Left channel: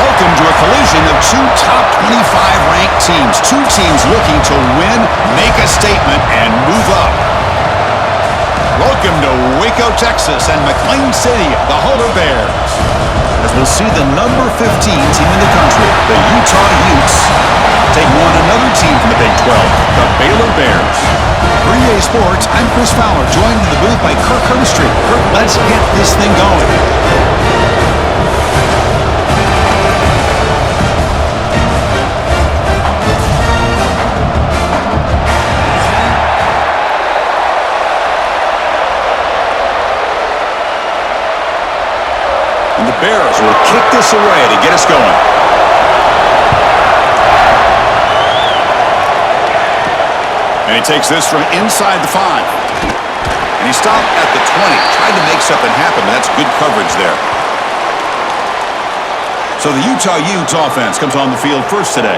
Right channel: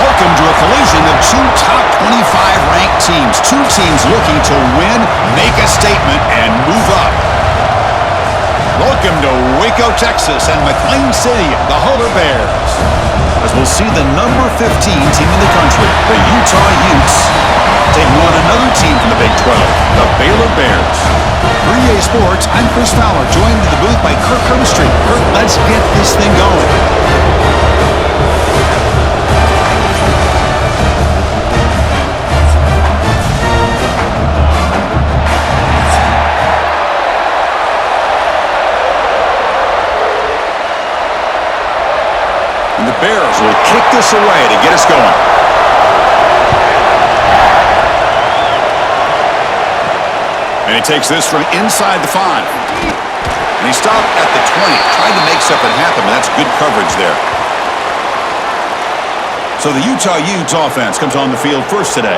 Welcome to a collision of two top 25 ranked teams. Two teams looking to win, make a statement, and move up. Welcome to Waco, Texas, and McLean City, the Hutter Bears. As we'll see the number 15 team in the country, the Utah Utes, take on another team from the Big 12, the Baylor Bears. For EA Sports, I'm Chris Fowler, joined in the booth by Kirk Hermstreet. Kirk, let's get this thing going. And the Bears will kick this away to get us going. And he takes this from inside the 5. And he stopped at the 20. Tried to make something happen, but that's good coverage there. So the Utah Utes offense comes on the field first today.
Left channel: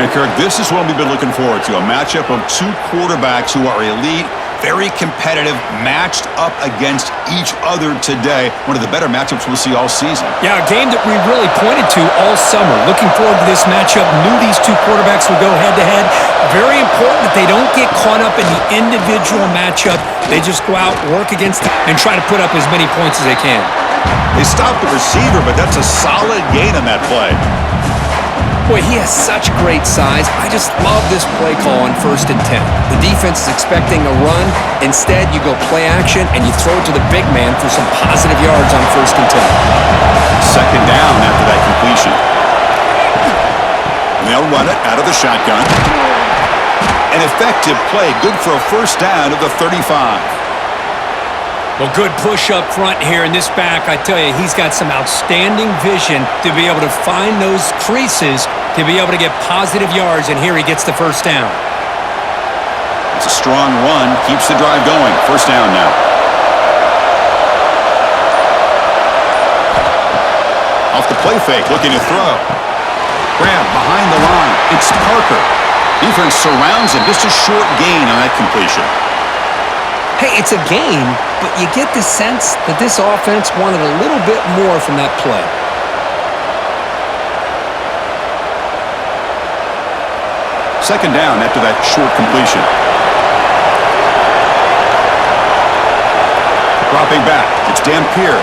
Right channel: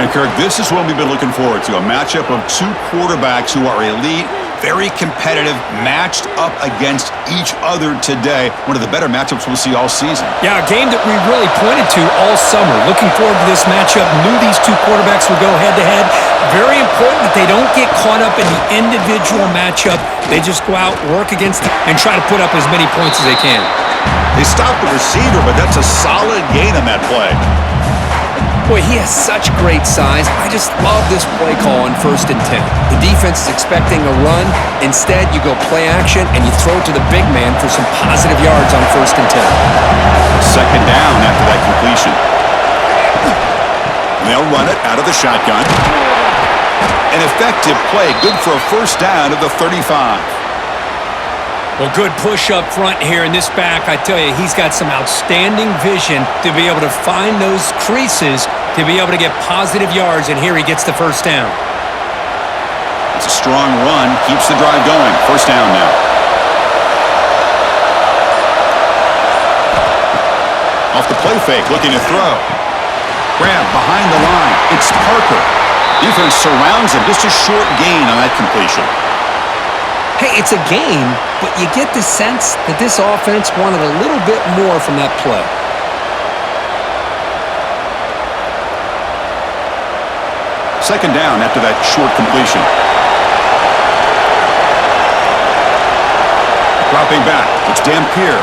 And Kirk, this is what we've been looking forward to. A matchup of two quarterbacks who are elite, very competitive, matched up against each other today. One of the better matchups we'll see all season. Yeah, a game that we really pointed to all summer. Looking forward to this matchup. Knew these two quarterbacks would go head-to-head. Very important that they don't get caught up in the individual matchup. They just go out, work against them, and try to put up as many points as they can. They stopped the receiver, but that's a solid gain on that play. Boy, he has such great size. I just love this play call on 1st and 10. The defense is expecting a run. Instead, you go play action, and you throw it to the big man for some positive yards on 1st and 10. Second down after that completion. And they'll run it out of the shotgun. An effective play, good for a first down of the 35. Well, good push up front here in this back. I tell you, he's got some outstanding vision to be able to find those creases, to be able to get positive yards, and here he gets the first down. It's a strong run, keeps the drive going. First down now. Off the play fake, looking to throw. Grab behind the line. It's Parker. Defense surrounds him. Just a short gain on that completion. Hey, it's a game, but you get the sense that this offense wanted a little bit more from that play. Second down after that short completion. Dropping back, it's Dampier.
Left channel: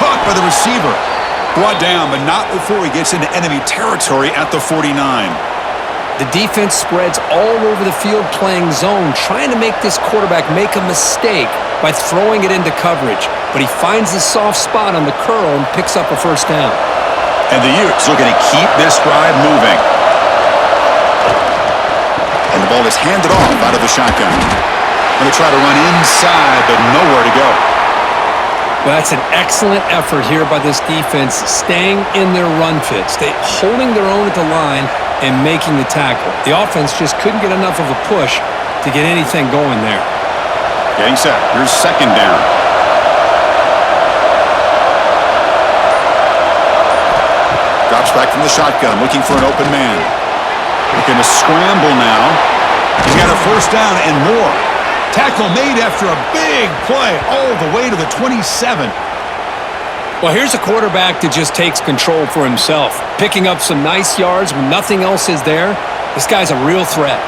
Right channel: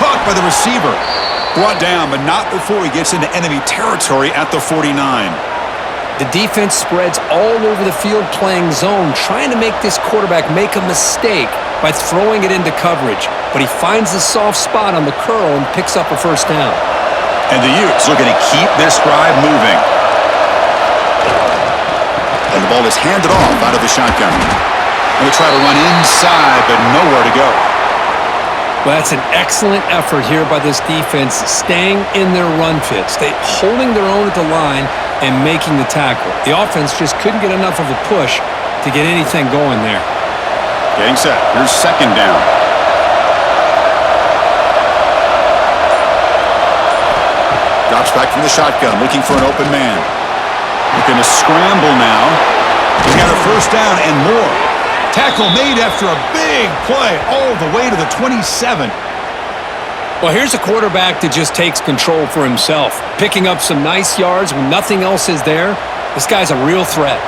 Caught by the receiver. Brought down, but not before he gets into enemy territory at the 49. The defense spreads all over the field playing zone, trying to make this quarterback make a mistake by throwing it into coverage. But he finds the soft spot on the curl and picks up a first down. And the Utes looking to keep this drive moving. And the ball is handed off out of the shotgun. Going to try to run inside, but nowhere to go. Well, that's an excellent effort here by this defense, staying in their run fits. They holding their own at the line and making the tackle. The offense just couldn't get enough of a push to get anything going there. Getting set. Here's second down. Drops back from the shotgun, looking for an open man. Looking to scramble now. He's got a first down and more. Tackle made after a big play all the way to the 27. Well, here's a quarterback that just takes control for himself, picking up some nice yards when nothing else is there. This guy's a real threat.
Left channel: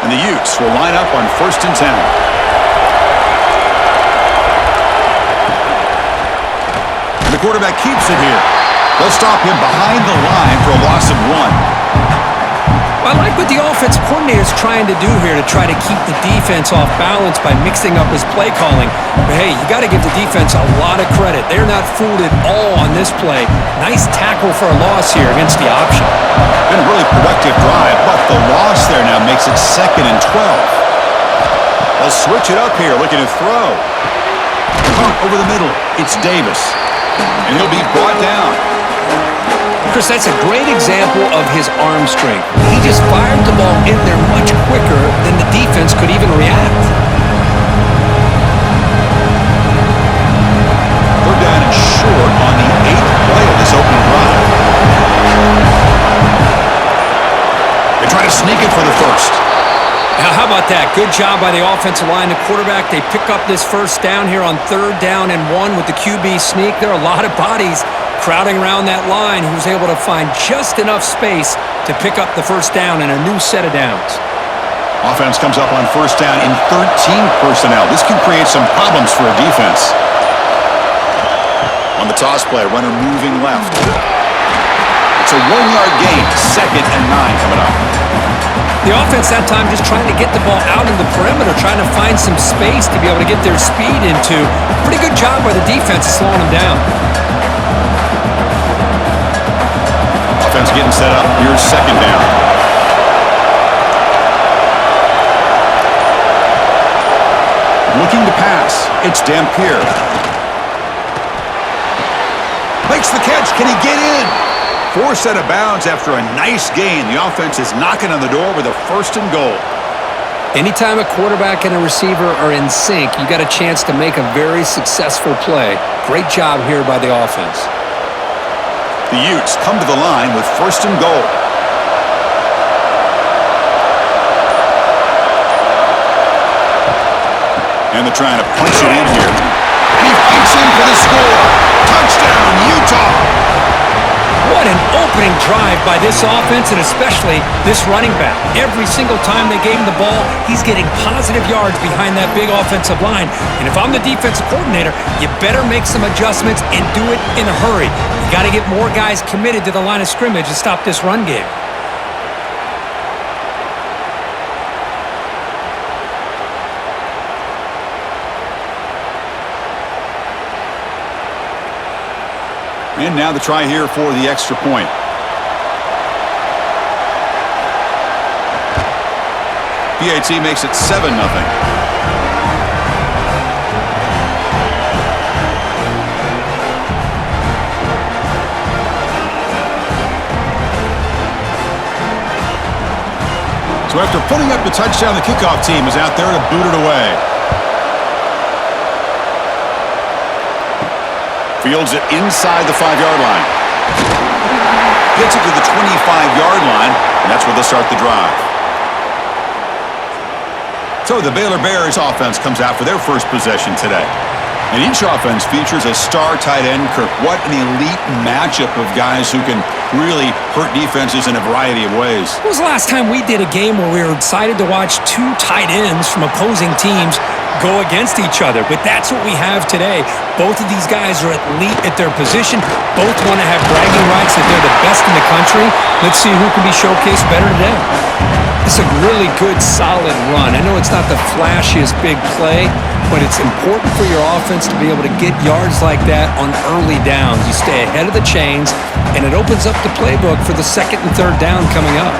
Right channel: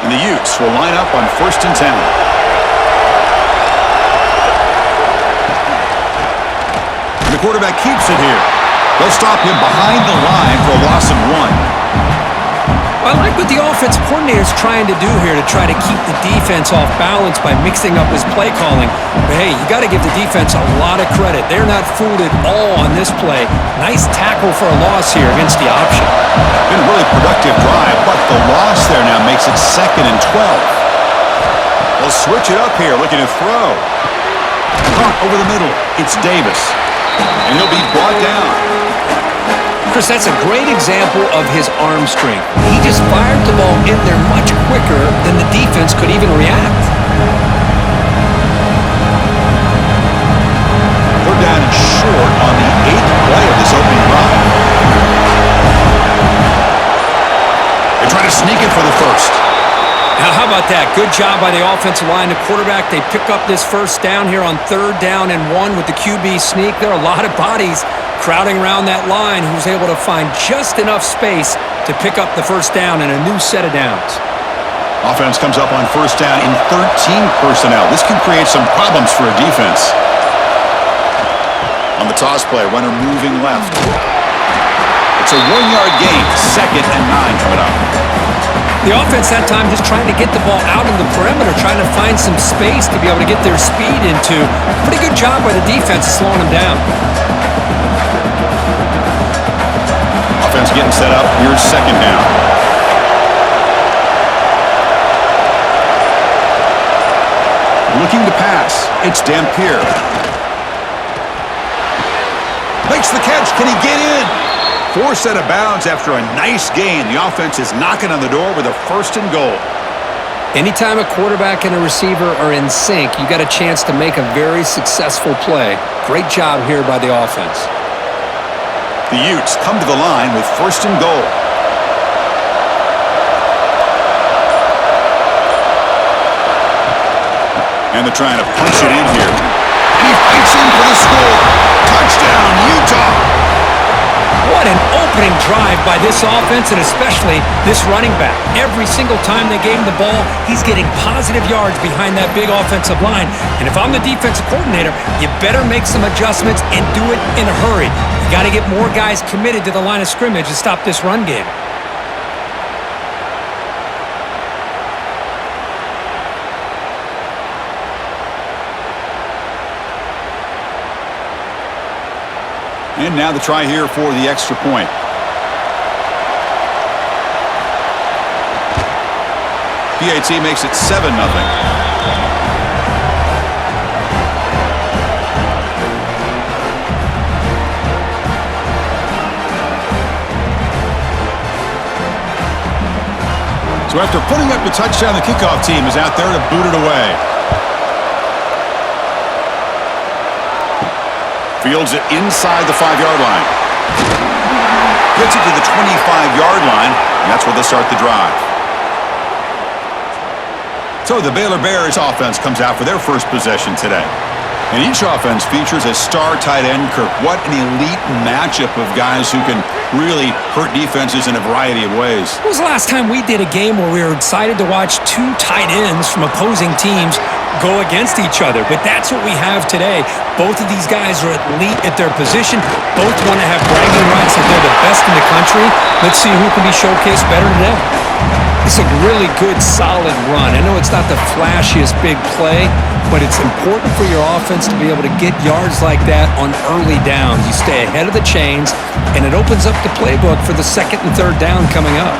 And the Utes will line up on 1st and 10. And the quarterback keeps it here. They'll stop him behind the line for a loss of 1. I like what the offense coordinator is trying to do here to try to keep the defense off balance by mixing up his play calling. But hey, you got to give the defense a lot of credit. They're not fooled at all on this play. Nice tackle for a loss here against the option. Been a really productive drive, but the loss there now makes it 2nd and 12. They'll switch it up here, looking to throw. Caught over the middle. It's Davis. And he'll be brought down. Chris, that's a great example of his arm strength. He just fired the ball in there much quicker than the defense could even react. Third down and short on the 8th play of this opening drive. They try to sneak it for the first. How about that? Good job by the offensive line. The quarterback, they pick up this first down here on 3rd down and 1 with the QB sneak. There are a lot of bodies crowding around that line. He was able to find just enough space to pick up the first down and a new set of downs. Offense comes up on 1st down in 13 personnel. This can create some problems for a defense. On the toss play, runner moving left. It's a 1-yard gain. 2nd and 9 coming up. The offense that time just trying to get the ball out in the perimeter, trying to find some space to be able to get their speed into. Pretty good job by the defense of slowing them down. Offense getting set up. Here's 2nd down. Looking to pass. It's Dampier. Makes the catch. Can he get in? Forced out of bounds after a nice gain. The offense is knocking on the door with a 1st and goal. Anytime a quarterback and a receiver are in sync, you got a chance to make a very successful play. Great job here by the offense. The Utes come to the line with 1st and goal. And they're trying to punch it in here. And he fights in for the score. Touchdown, Utah! What an opening drive by this offense and especially this running back. Every single time they gave him the ball, he's getting positive yards behind that big offensive line. And if I'm the defensive coordinator, you better make some adjustments and do it in a hurry. You got to get more guys committed to the line of scrimmage to stop this run game. And now the try here for the extra point. PAT makes it 7-0. So after putting up the touchdown, the kickoff team is out there to boot it away. Fields it inside the 5-yard line. Gets it to the 25-yard line, and that's where they'll start the drive. So the Baylor Bears offense comes out for their first possession today. And each offense features a star tight end, Kirk. What an elite matchup of guys who can really hurt defenses in a variety of ways. When was the last time we did a game where we were excited to watch 2 tight ends from opposing teams go against each other? But that's what we have today. Both of these guys are elite at their position. Both want to have bragging rights that they're the best in the country. Let's see who can be showcased better today. It's a really good, solid run. I know it's not the flashiest big play, but it's important for your offense to be able to get yards like that on early downs. You stay ahead of the chains, and it opens up the playbook for the 2nd and 3rd down coming up.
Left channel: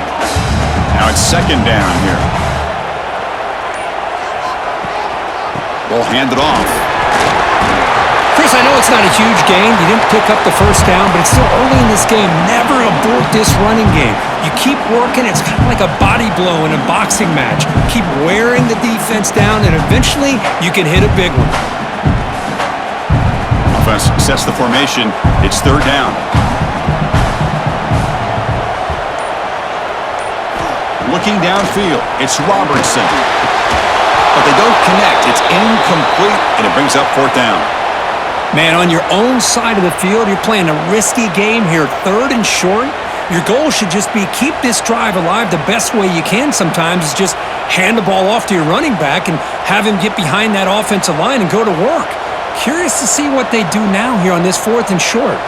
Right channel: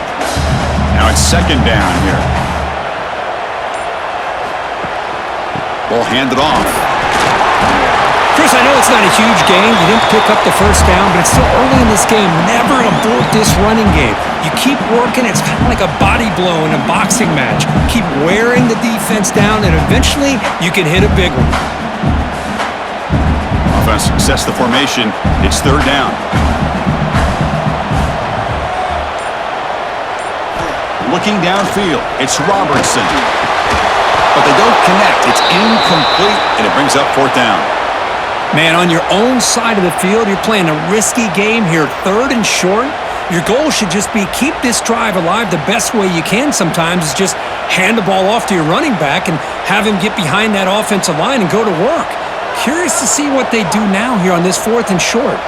Now it's 2nd down here. Ball handed off. Chris, I know it's not a huge gain. You didn't pick up the first down, but it's still early in this game. Never abort this running game. You keep working. It's kind of like a body blow in a boxing match. Keep wearing the defense down, and eventually you can hit a big one. Offense sets the formation. It's 3rd down. Looking downfield. It's Robertson. But they don't connect. It's incomplete, and it brings up 4th down. Man, on your own side of the field, you're playing a risky game here, 3rd and short. Your goal should just be keep this drive alive the best way you can sometimes is just hand the ball off to your running back and have him get behind that offensive line and go to work. Curious to see what they do now here on this 4th and short.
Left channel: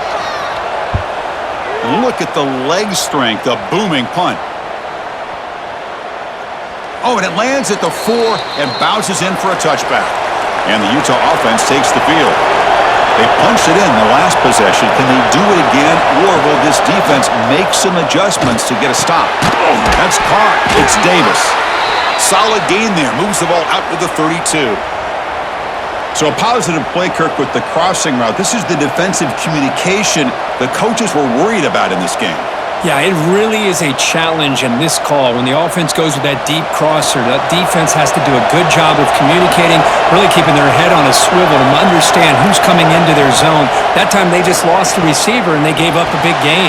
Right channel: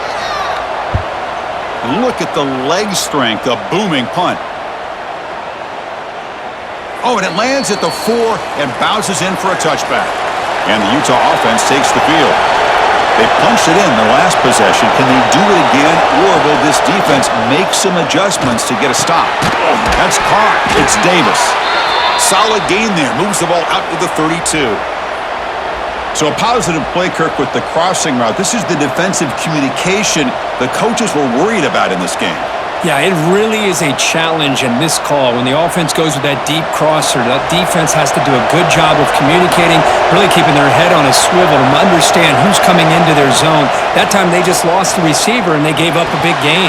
And look at the leg strength, a booming punt. Oh, and it lands at the 4 and bounces in for a touchback. And the Utah offense takes the field. They punched it in the last possession. Can they do it again, or will this defense make some adjustments to get a stop? That's caught. It's Davis. Solid gain there. Moves the ball out to the 32. So a positive play, Kirk, with the crossing route. This is the defensive communication the coaches were worried about in this game. Yeah, it really is a challenge in this call. When the offense goes with that deep crosser, that defense has to do a good job of communicating, really keeping their head on a swivel to understand who's coming into their zone. That time they just lost the receiver and they gave up a big gain.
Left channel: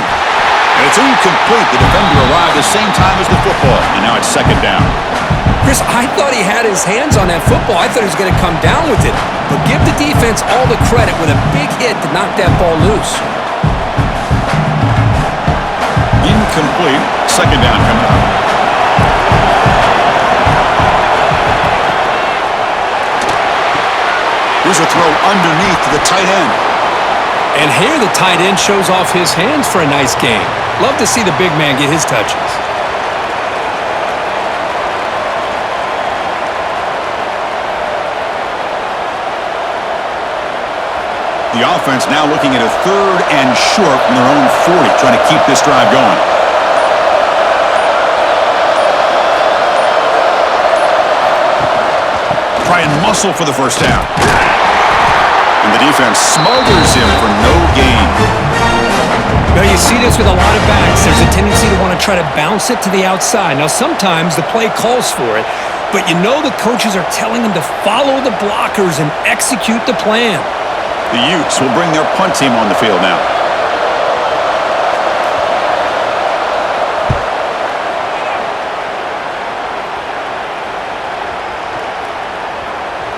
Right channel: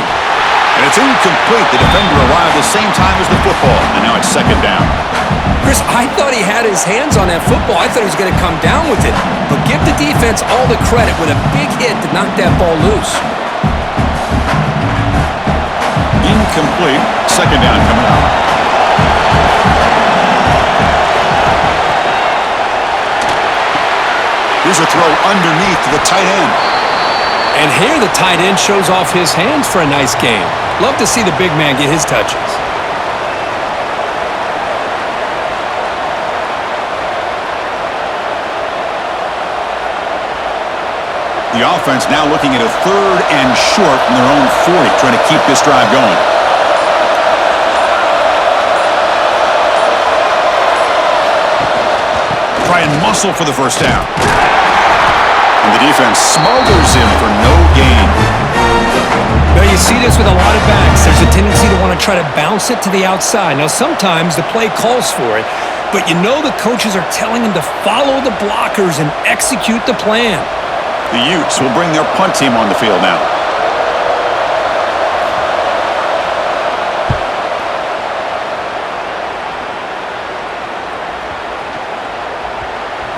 And it's incomplete. The defender arrived the same time as the football, and now it's 2nd down. Chris, I thought he had his hands on that football. I thought he was going to come down with it. But give the defense all the credit with a big hit to knock that ball loose. Incomplete. Second down coming up. Here's a throw underneath to the tight end. And here the tight end shows off his hands for a nice game. Love to see the big man get his touches. The offense now looking at a 3rd and short from their own 40, trying to keep this drive going. Try and muscle for the first down. And the defense smothers him for no gain. Now you see this with a lot of backs. There's a tendency to want to try to bounce it to the outside. Now sometimes the play calls for it, but you know the coaches are telling them to follow the blockers and execute the plan. The Utes will bring their punt team on the field now.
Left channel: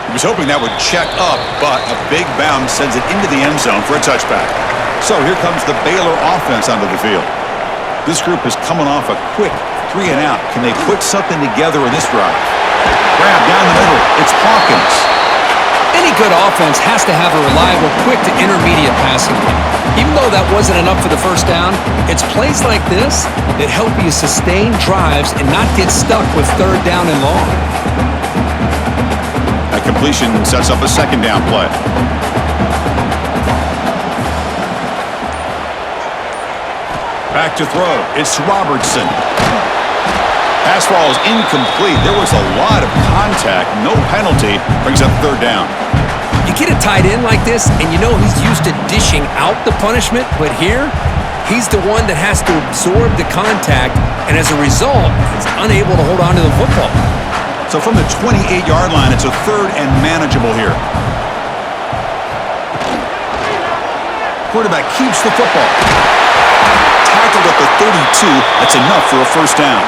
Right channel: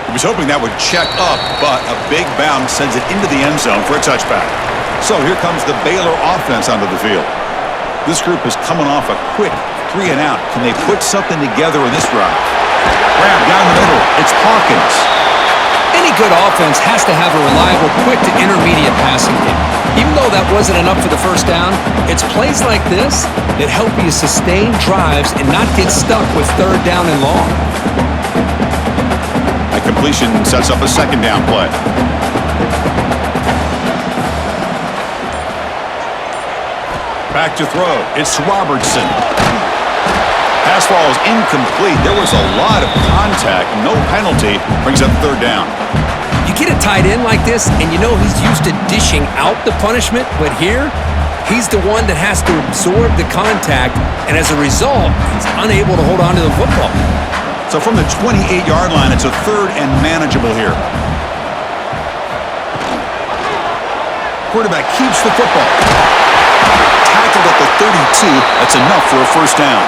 He was hoping that would check up, but a big bounce sends it into the end zone for a touchback. So here comes the Baylor offense onto the field. This group is coming off a quick 3 and out. Can they put something together in this drive? Grab down the middle. It's Hawkins. Any good offense has to have a reliable, quick to intermediate passing game. Even though that wasn't enough for the first down, it's plays like this that help you sustain drives and not get stuck with 3rd down and long. That completion sets up a 2nd down play. Back to throw. It's Robertson. Pass ball is incomplete. There was a lot of contact. No penalty. Brings up 3rd down. You get a tight end like this, and you know he's used to dishing out the punishment, but here, he's the one that has to absorb the contact, and as a result, he's unable to hold on to the football. So from the 28-yard line, it's a 3rd and manageable here. Quarterback keeps the football. Tackled at the 32. That's enough for a first down.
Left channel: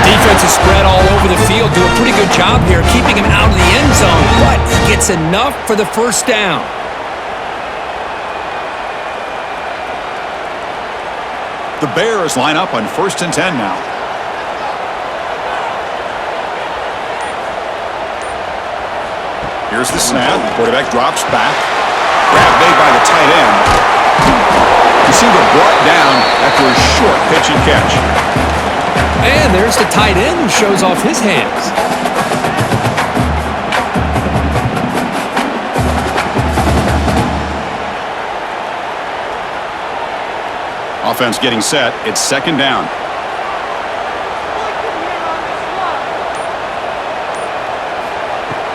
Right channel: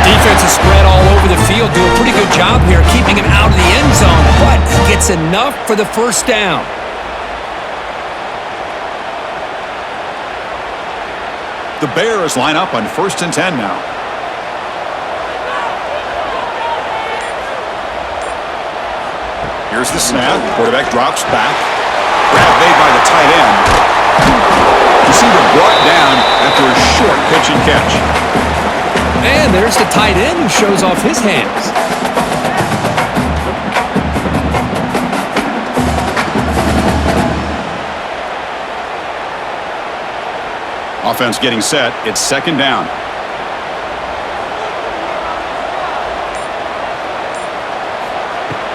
Defense is spread all over the field. Do a pretty good job here keeping him out of the end zone, but he gets enough for the first down. The Bears line up on 1st and 10 now. Here's the snap. Quarterback drops back. Grab made by the tight end. Receiver brought down after a short pitch and catch. And there's the tight end who shows off his hands. Offense getting set. It's 2nd down.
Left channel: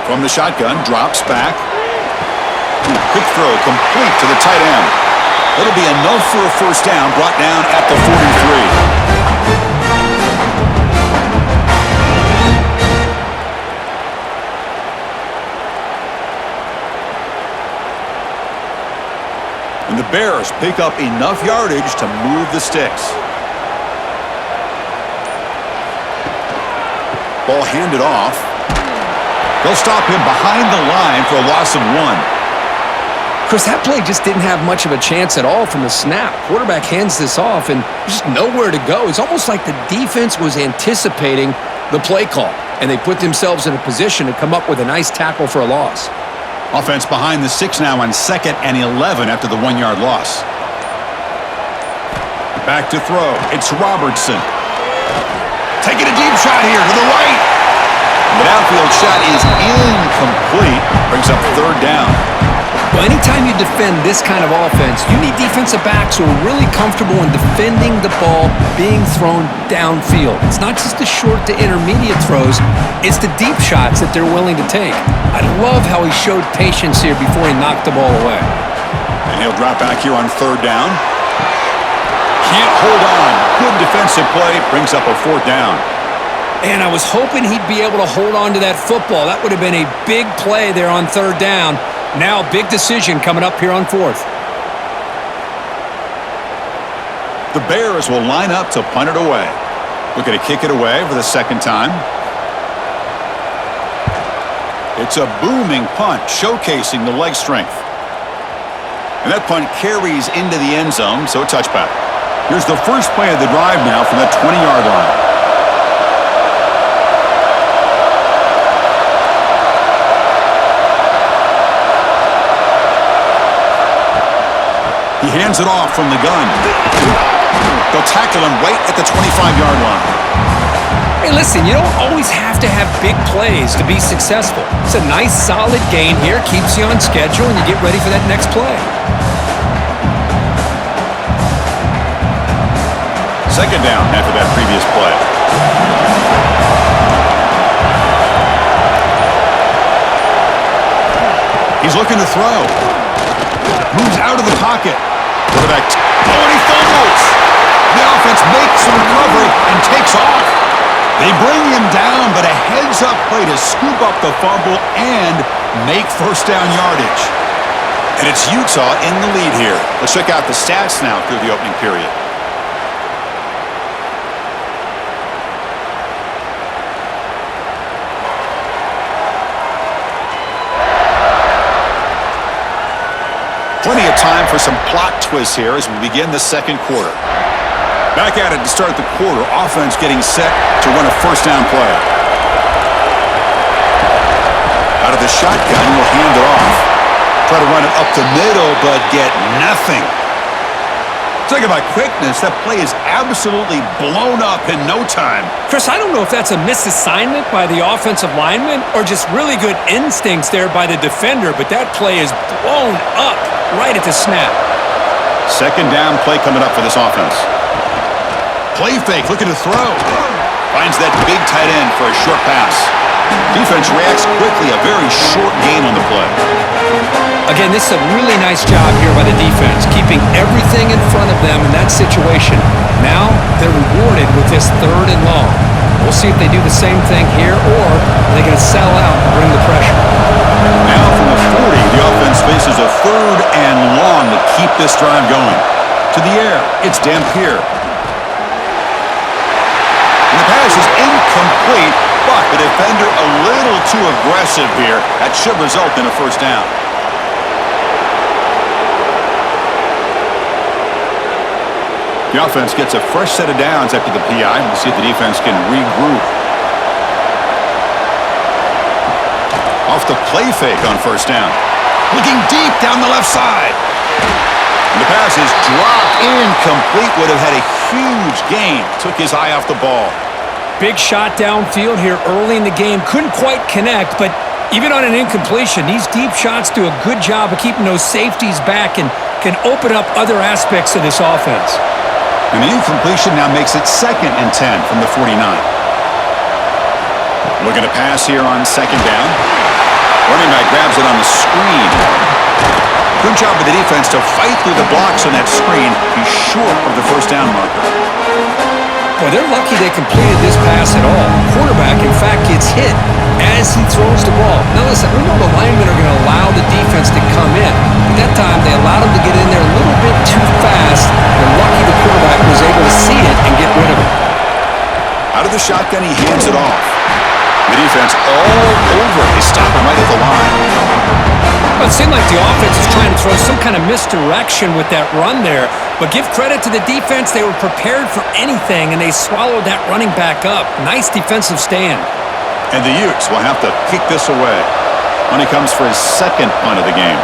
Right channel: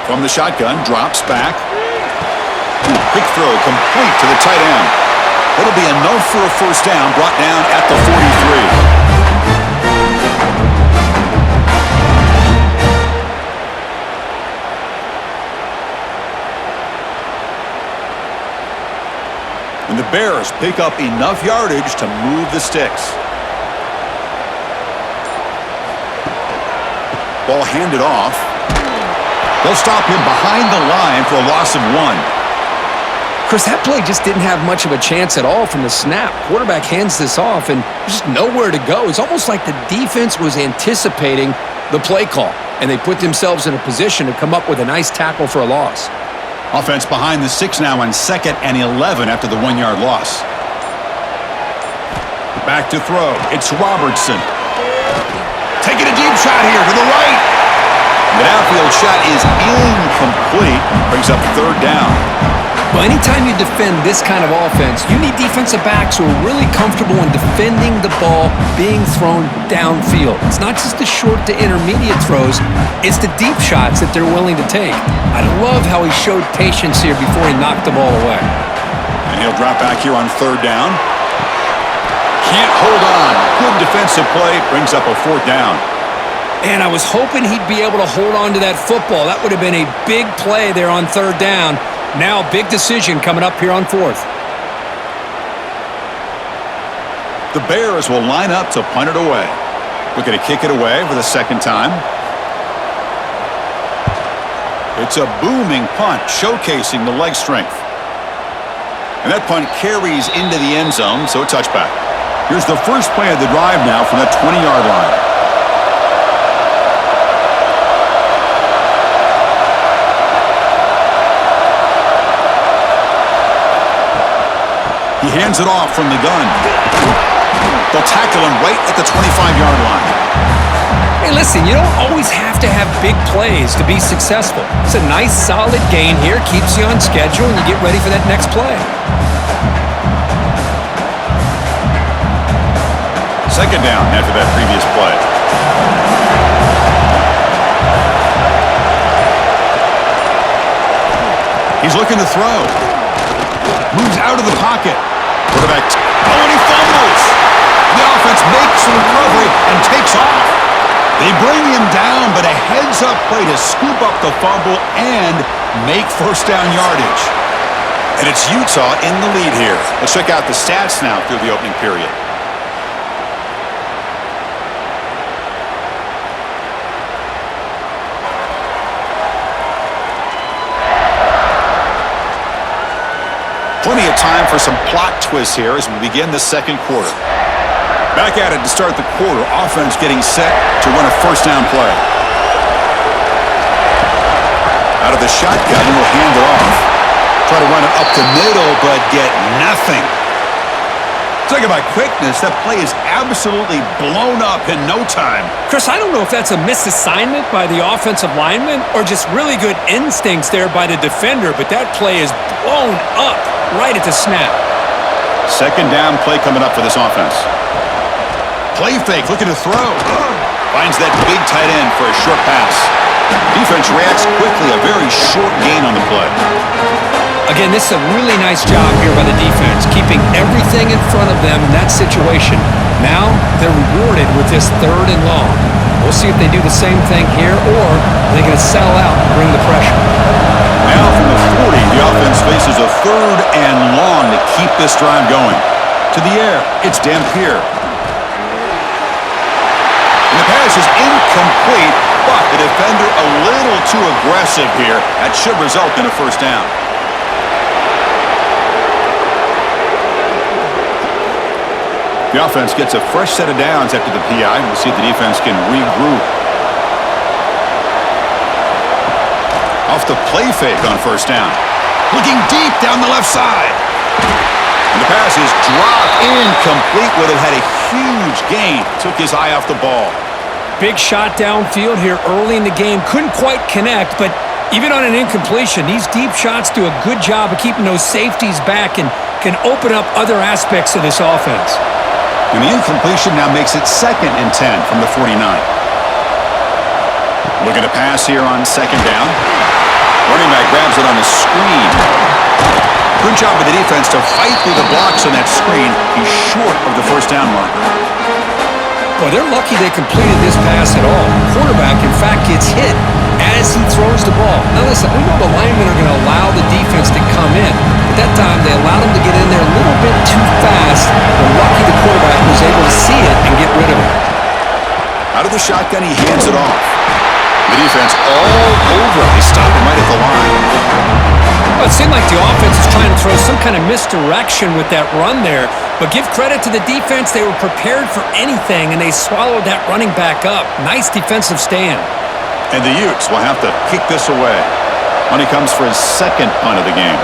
From the shotgun, drops back. Quick throw, complete to the tight end. That'll be enough for a first down, brought down at the 43. And the Bears pick up enough yardage to move the sticks. Ball handed off. They'll stop him behind the line for a loss of 1. Chris, that play just didn't have much of a chance at all from the snap. Quarterback hands this off and just nowhere to go. It's almost like the defense was anticipating the play call, and they put themselves in a position to come up with a nice tackle for a loss. Offense behind the 6 now on 2nd and 11 after the 1-yard loss. Back to throw. It's Robertson. Taking a deep shot here to the right. The downfield shot is incomplete. Brings up 3rd down. Well, anytime you defend this kind of offense, you need defensive backs who are really comfortable in defending the ball being thrown downfield. It's not just the short to intermediate throws, it's the deep shots that they're willing to take. I love how he showed patience here before he knocked the ball away. And he'll drop back here on 3rd down. Can't hold on. Good defensive play. Brings up a 4th down. And I was hoping he'd be able to hold on to that football. That would have been a big play there on 3rd down. Now, big decision coming up here on 4th. The Bears will line up to punt it away. Looking to kick it away for the 2nd time. It's a booming punt, showcasing the leg strength. And that punt carries into the end zone, so a touchback. Here's the first play of the drive now from that 20-yard line. He hands it off from the gun. They'll tackle him right at the 25-yard line. Hey, listen, you don't always have to have big plays to be successful. It's a nice, solid gain here, keeps you on schedule, and you get ready for that next play. Second down after that previous play. He's looking to throw. Moves out of the pocket. Quarterback. Oh, and he fumbles. The offense makes the recovery and takes off. They bring him down, but a heads-up play to scoop up the fumble and make first down yardage. And it's Utah in the lead here. Let's check out the stats now through the opening period. Plenty of time for some plot twists here as we begin the second quarter. Back at it to start the quarter. Offense getting set to run a first down play. Out of the shotgun, he'll hand it off. Try to run it up the middle, but get nothing. Talk about quickness. That play is absolutely blown up in no time. Chris, I don't know if that's a misassignment by the offensive lineman or just really good instincts there by the defender, but that play is blown up right at the snap. Second down play coming up for this offense. Play fake, looking to throw. Finds that big tight end for a short pass. Defense reacts quickly, a very short gain on the play. Again, this is a really nice job here by the defense, keeping everything in front of them in that situation. Now they're rewarded with this third and long. We'll see if they do the same thing here, or they're going to settle out and bring the pressure. Now from the 40, the offense faces a third and long to keep this drive going. To the air, it's Dampier. And the pass is incomplete, but the defender a little too aggressive here. That should result in a first down. The offense gets a fresh set of downs after the PI. We'll see if the defense can regroup. Off the play fake on first down. Looking deep down the left side. And the pass is dropped incomplete. Would have had a huge gain. Took his eye off the ball. Big shot downfield here early in the game. Couldn't quite connect, but even on an incompletion, these deep shots do a good job of keeping those safeties back and can open up other aspects of this offense. And the incompletion now makes it 2nd and 10 from the 49. Looking to pass here on second down. Running back grabs it on the screen. Good job by the defense to fight through the blocks on that screen. He's short of the first down marker. Boy, they're lucky they completed this pass at all. Quarterback, in fact, gets hit as he throws the ball. Now listen, we know the linemen are going to allow the defense to come in. But that time, they allowed him to get in there a little bit too fast. They're lucky the quarterback was able to see it and get rid of it. Out of the shotgun, he hands it off. The defense all over. They stop him right at the line. Well, it seemed like the offense was trying to throw some kind of misdirection with that run there. But give credit to the defense. They were prepared for anything, and they swallowed that running back up. Nice defensive stand. And the Utes will have to kick this away when he comes for his second punt of the game.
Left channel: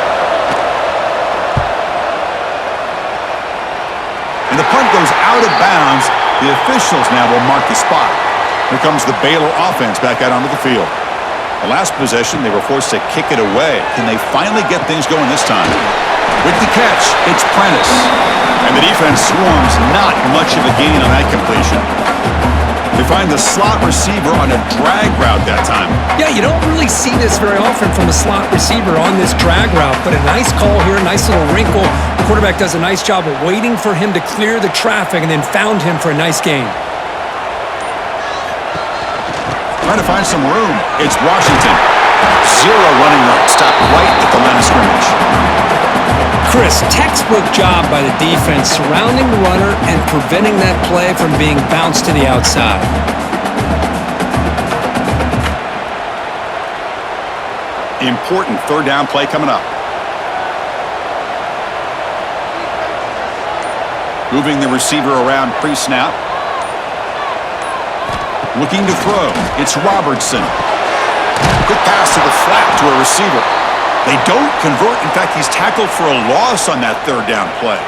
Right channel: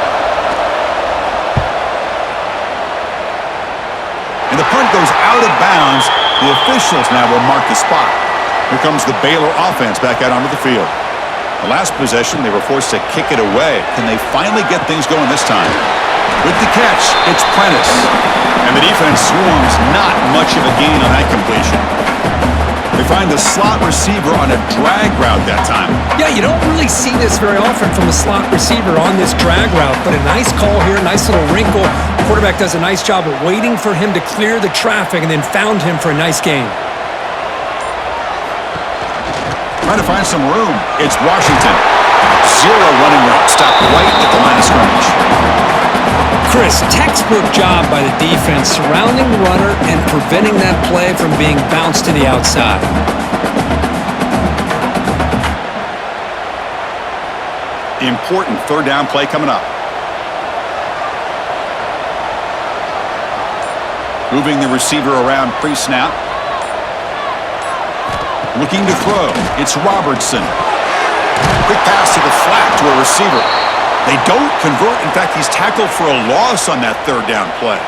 And the punt goes out of bounds. The officials now will mark the spot. Here comes the Baylor offense back out onto the field. The last possession, they were forced to kick it away. Can they finally get things going this time? With the catch, it's Prentice. And the defense swarms, not much of a gain on that completion. They find the slot receiver on a drag route that time. Yeah, you don't really see this very often from a slot receiver on this drag route, but a nice call here, nice little wrinkle. The quarterback does a nice job of waiting for him to clear the traffic and then found him for a nice gain. Trying to find some room. It's Washington. Zero running room. Stopped right at the line of scrimmage. Chris, textbook job by the defense surrounding the runner and preventing that play from being bounced to the outside. Important third down play coming up. Moving the receiver around pre-snap. Looking to throw. It's Robertson. Quick pass to the flat to a receiver. They don't convert. In fact, he's tackled for a loss on that third down play.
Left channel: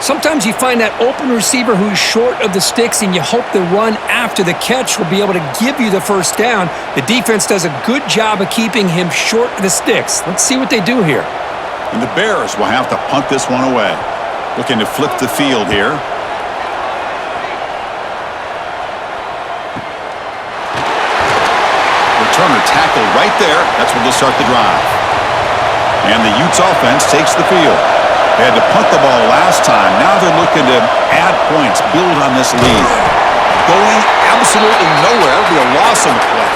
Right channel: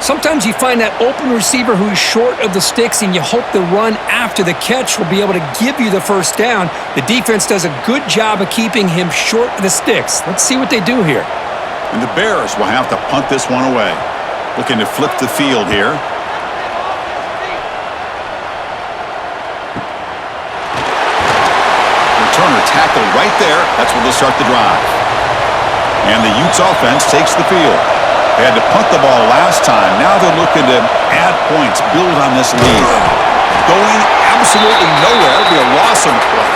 Sometimes you find that open receiver who's short of the sticks, and you hope the run after the catch will be able to give you the first down. The defense does a good job of keeping him short of the sticks. Let's see what they do here. And the Bears will have to punt this one away. Looking to flip the field here. Returner tackled right there. That's where they'll start the drive. And the Utes offense takes the field. They had to punt the ball last time. Now they're looking to add points, build on this lead. Going absolutely nowhere. That'll be a loss on the play.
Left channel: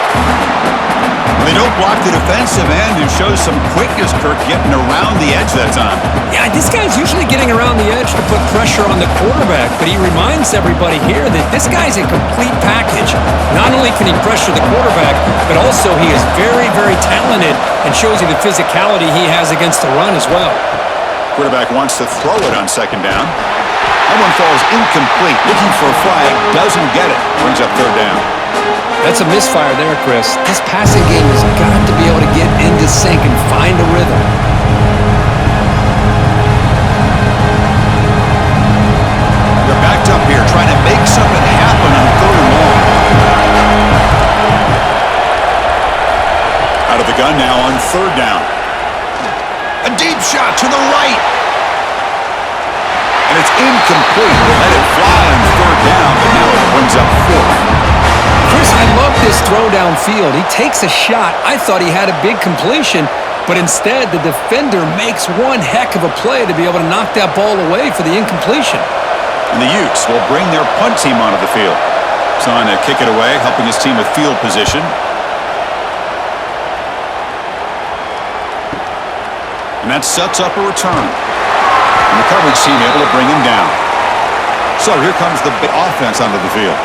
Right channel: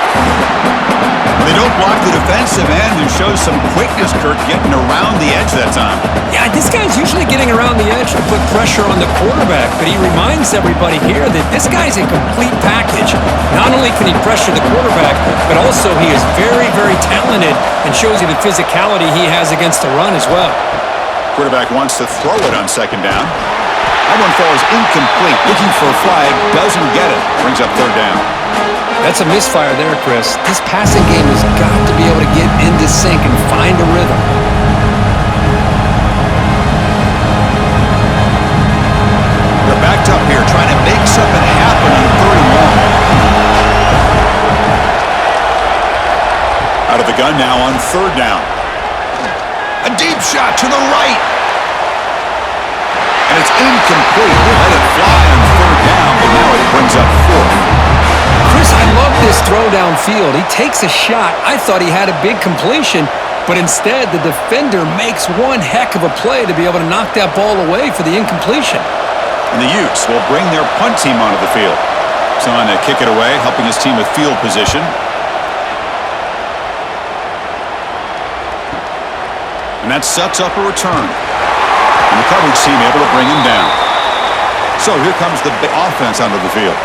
They don't block the defensive end, who shows some quickness, Kurt, getting around the edge that time. Yeah, this guy's usually getting around the edge to put pressure on the quarterback, but he reminds everybody here that this guy's a complete package. Not only can he pressure the quarterback, but also he is very, very talented and shows you the physicality he has against the run as well. Quarterback wants to throw it on second down. That one falls incomplete. Looking for a flag, doesn't get it. Brings up third down. That's a misfire there, Chris. This passing game has got to be able to get into sync and find a rhythm. They're backed up here, trying to make something happen on third and long. Out of the gun now on third down. A deep shot to the right. And it's incomplete. We'll let it fly on third down, but now it brings up fourth. Chris, I love this throw downfield. He takes a shot. I thought he had a big completion, but instead the defender makes one heck of a play to be able to knock that ball away for the incompletion. And the Utes will bring their punt team onto the field. He's on to kick it away, helping his team with field position. And that sets up a return. And the coverage team able to bring him down. So here comes the offense onto the field.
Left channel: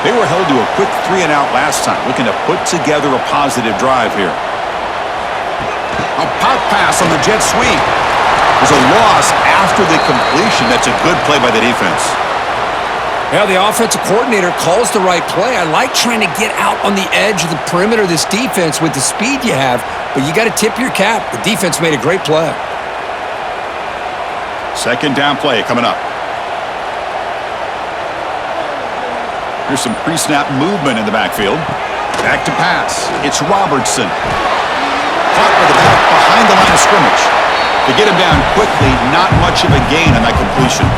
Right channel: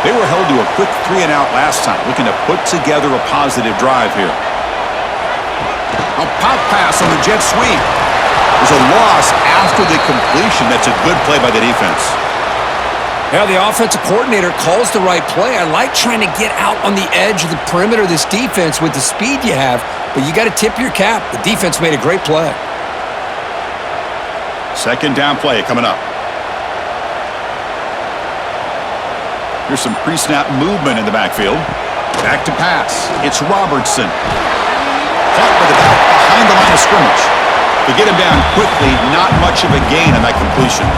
They were held to a quick 3-and-out last time, looking to put together a positive drive here. A pop pass on the jet sweep. There's a loss after the completion. That's a good play by the defense. Yeah, the offensive coordinator calls the right play. I like trying to get out on the edge of the perimeter of this defense with the speed you have, but you got to tip your cap. The defense made a great play. Second down play coming up. Here's some pre-snap movement in the backfield. Back to pass. It's Robertson. Caught by the back behind the line of scrimmage. To get him down quickly, not much of a gain on that completion.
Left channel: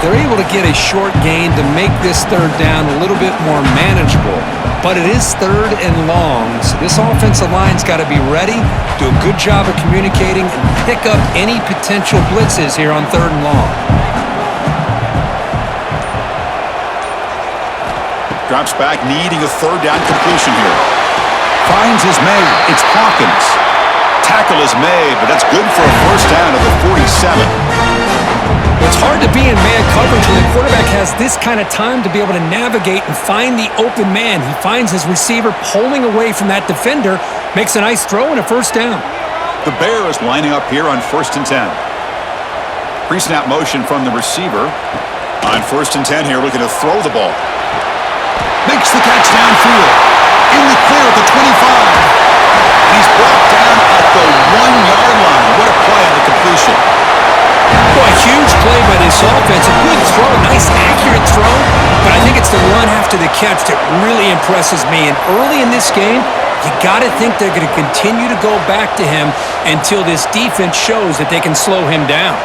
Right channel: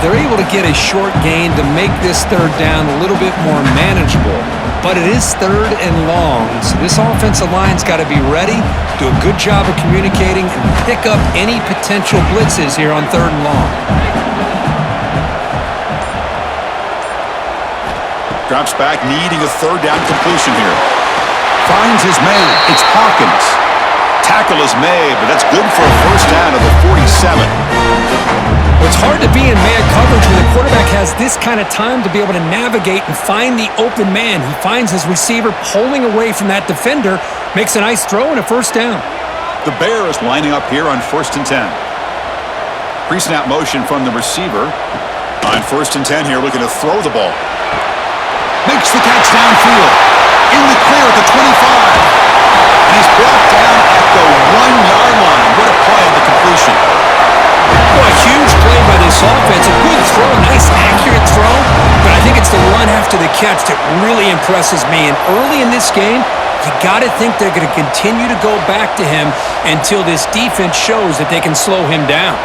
They're able to get a short gain to make this third down a little bit more manageable. But it is third and long, so this offensive line's got to be ready, do a good job of communicating, and pick up any potential blitzes here on third and long. Drops back, needing a third down completion here. Finds his man. It's Hawkins. Tackle is made, but that's good for a first down of the 47. Well, it's hard to be in man coverage when the quarterback has this kind of time to be able to navigate and find the open man. He finds his receiver pulling away from that defender, makes a nice throw and a first down. The Bears lining up here on 1st and 10. Pre-snap motion from the receiver. On 1st and 10 here, looking to throw the ball. Makes the catch downfield. In the clear at the 25. And he's brought down at the 1-yard line. What a play on the completion. Well, a huge play by this offense. A good throw, a nice accurate throw. But I think it's the run after the catch that really impresses me. And early in this game, you got to think they're going to continue to go back to him until this defense shows that they can slow him down.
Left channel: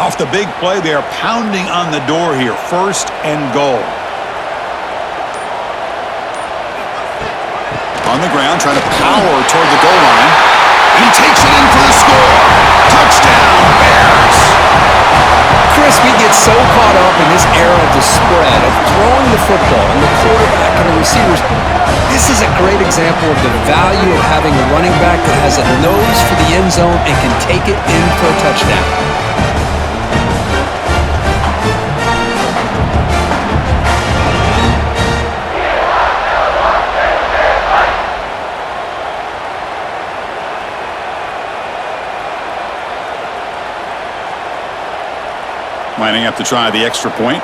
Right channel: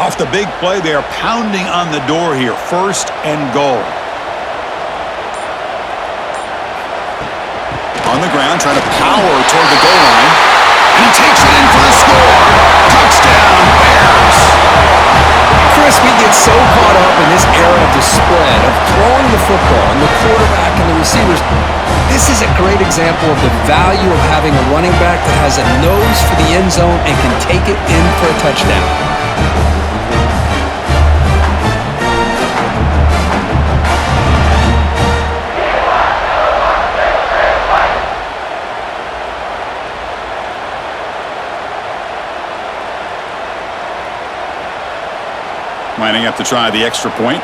Off the big play, they are pounding on the door here. 1st and goal. On the ground, trying to power toward the goal line. And he takes it in for the score. Touchdown, Bears. Chris, we get so caught up in this era of the spread, of throwing the football, and the quarterback and the receivers This is a great example of the value of having a running back that has a nose for the end zone and can take it in for a touchdown. Lining up to try the extra point.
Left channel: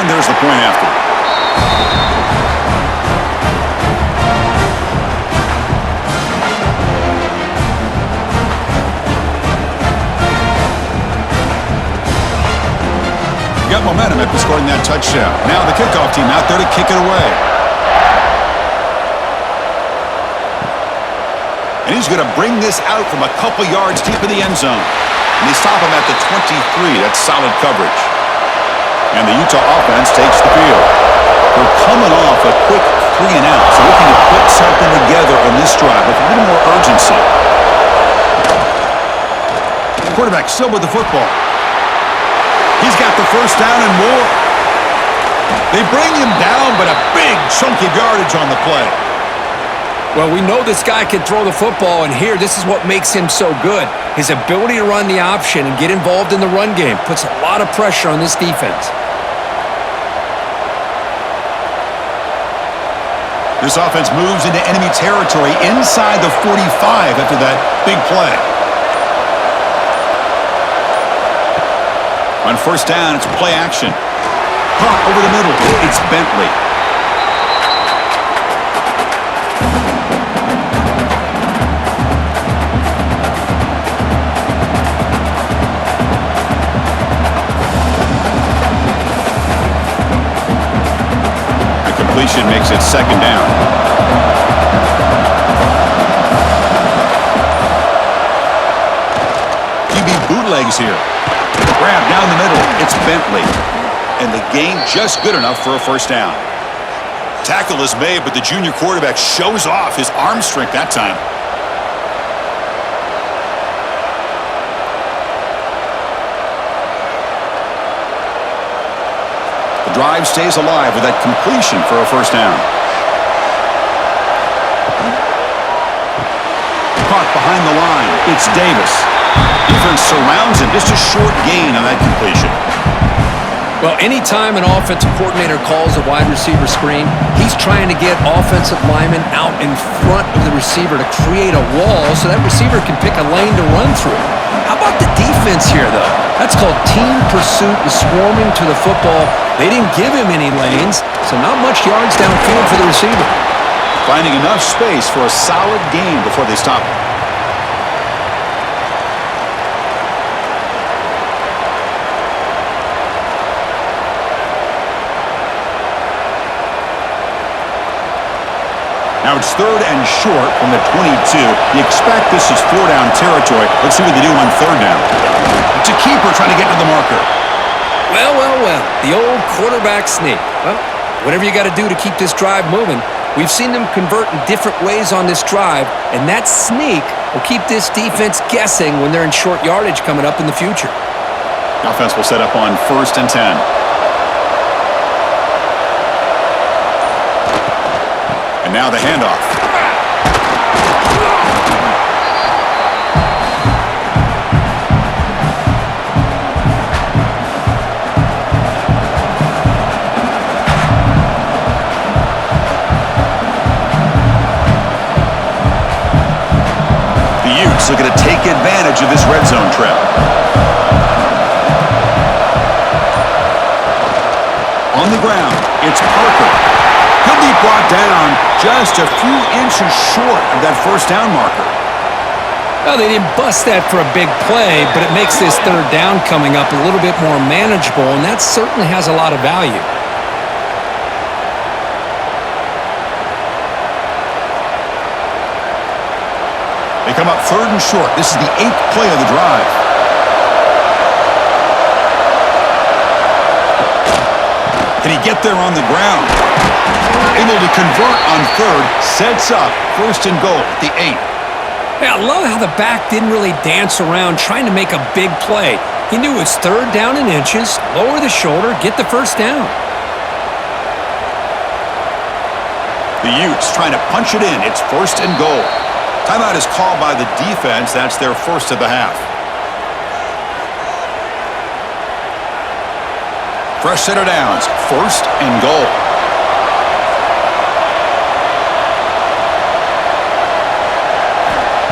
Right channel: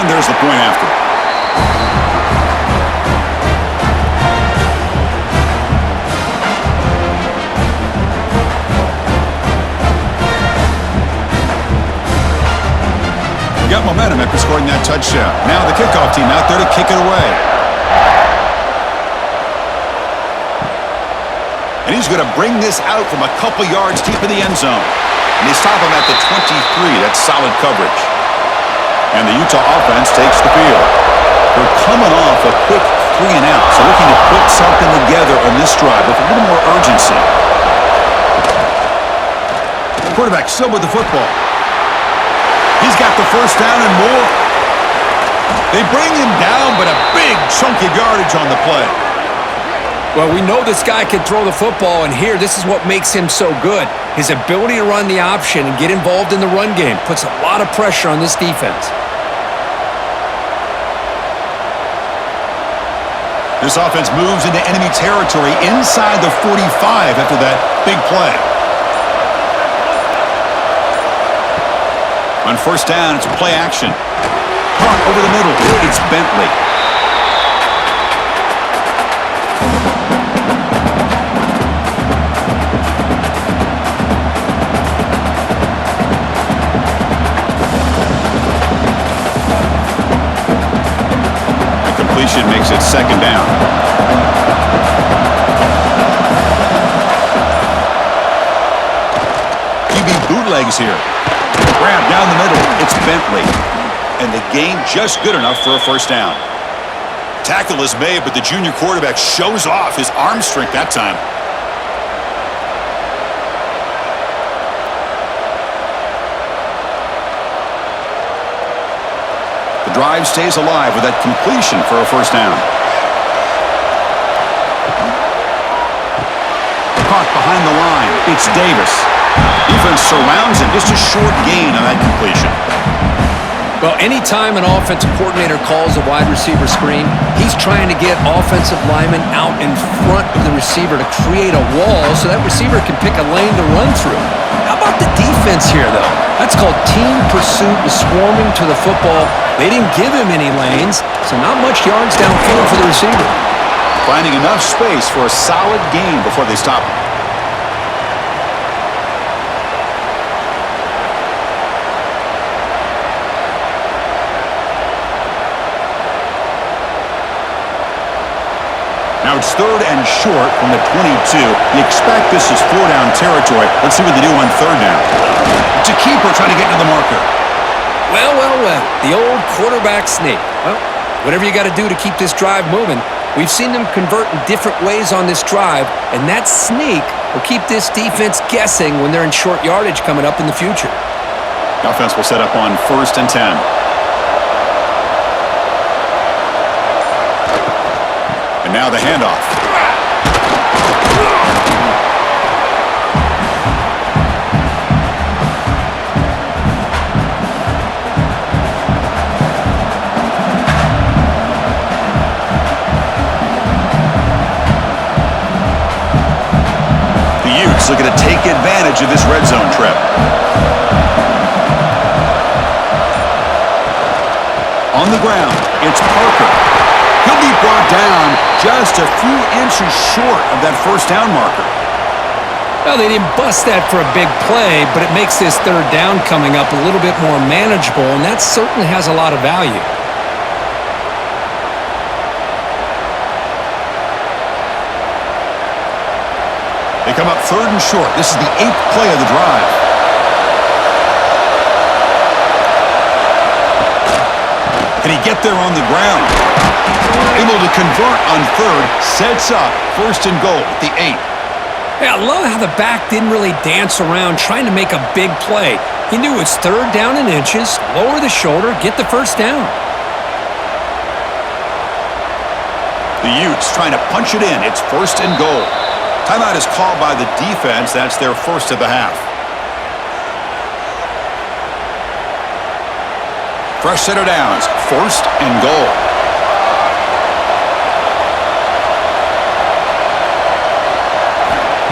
And there's the point after. Got momentum after scoring that touchdown. Now the kickoff team out there to kick it away. And he's going to bring this out from a couple yards deep in the end zone. And they stop him at the 23. That's solid coverage. And the Utah offense takes the field. They're coming off a quick 3-and-out, so looking to put something together on this drive with a little more urgency. Quarterback still with the football. He's got the first down and more. They bring him down, but a big chunk of yardage on the play. Well, we know this guy can throw the football, and here, this is what makes him so good. His ability to run the option and get involved in the run game puts a lot of pressure on this defense. This offense moves into enemy territory inside the 45 after that big play. On first down, it's play action. Hunt over the middle. It's Bentley. Completion makes it second down. QB bootlegs here. Grab down the middle. It's Bentley. And the gain just good enough for a first down. Tackle is made, but the junior quarterback shows off his arm strength that time. The drive stays alive with that completion for a first down. Caught behind the line. It's Davis. Defense surrounds him. Just a short gain on that completion. Well, anytime an offensive coordinator calls a wide receiver screen, he's trying to get offensive linemen out in front of the receiver to create a wall so that receiver can pick a lane to run through. How about the defense here, though? That's called team pursuit and swarming to the football. They didn't give him any lanes, so not much yards downfield for the receiver. Finding enough space for a solid gain before they stop him. Now it's third and short from the 22. You expect this is four-down territory. Let's see what they do on third down. It's a keeper trying to get to the marker. Well, well, well. The old quarterback sneak. Well, whatever you got to do to keep this drive moving. We've seen them convert in different ways on this drive, and that sneak will keep this defense guessing when they're in short yardage coming up in the future. The offense will set up on 1st and 10. And now the handoff. The Utes looking to take advantage of this red zone trip. On the ground, it's Parker. He'll be brought down just a few inches short of that first down marker. Well, they didn't bust that for a big play, but it makes this third down coming up a little bit more manageable, and that certainly has a lot of value. They come up third and short. This is the 8th play of the drive. Can he get there on the ground? Able to convert on third, sets up 1st and goal at the 8. Hey, I love how the back didn't really dance around trying to make a big play. He knew it's third down in inches, lower the shoulder, get the first down. The Utes trying to punch it in. It's first and goal. Timeout is called by the defense. That's their first of the half. Fresh set of downs. First and goal.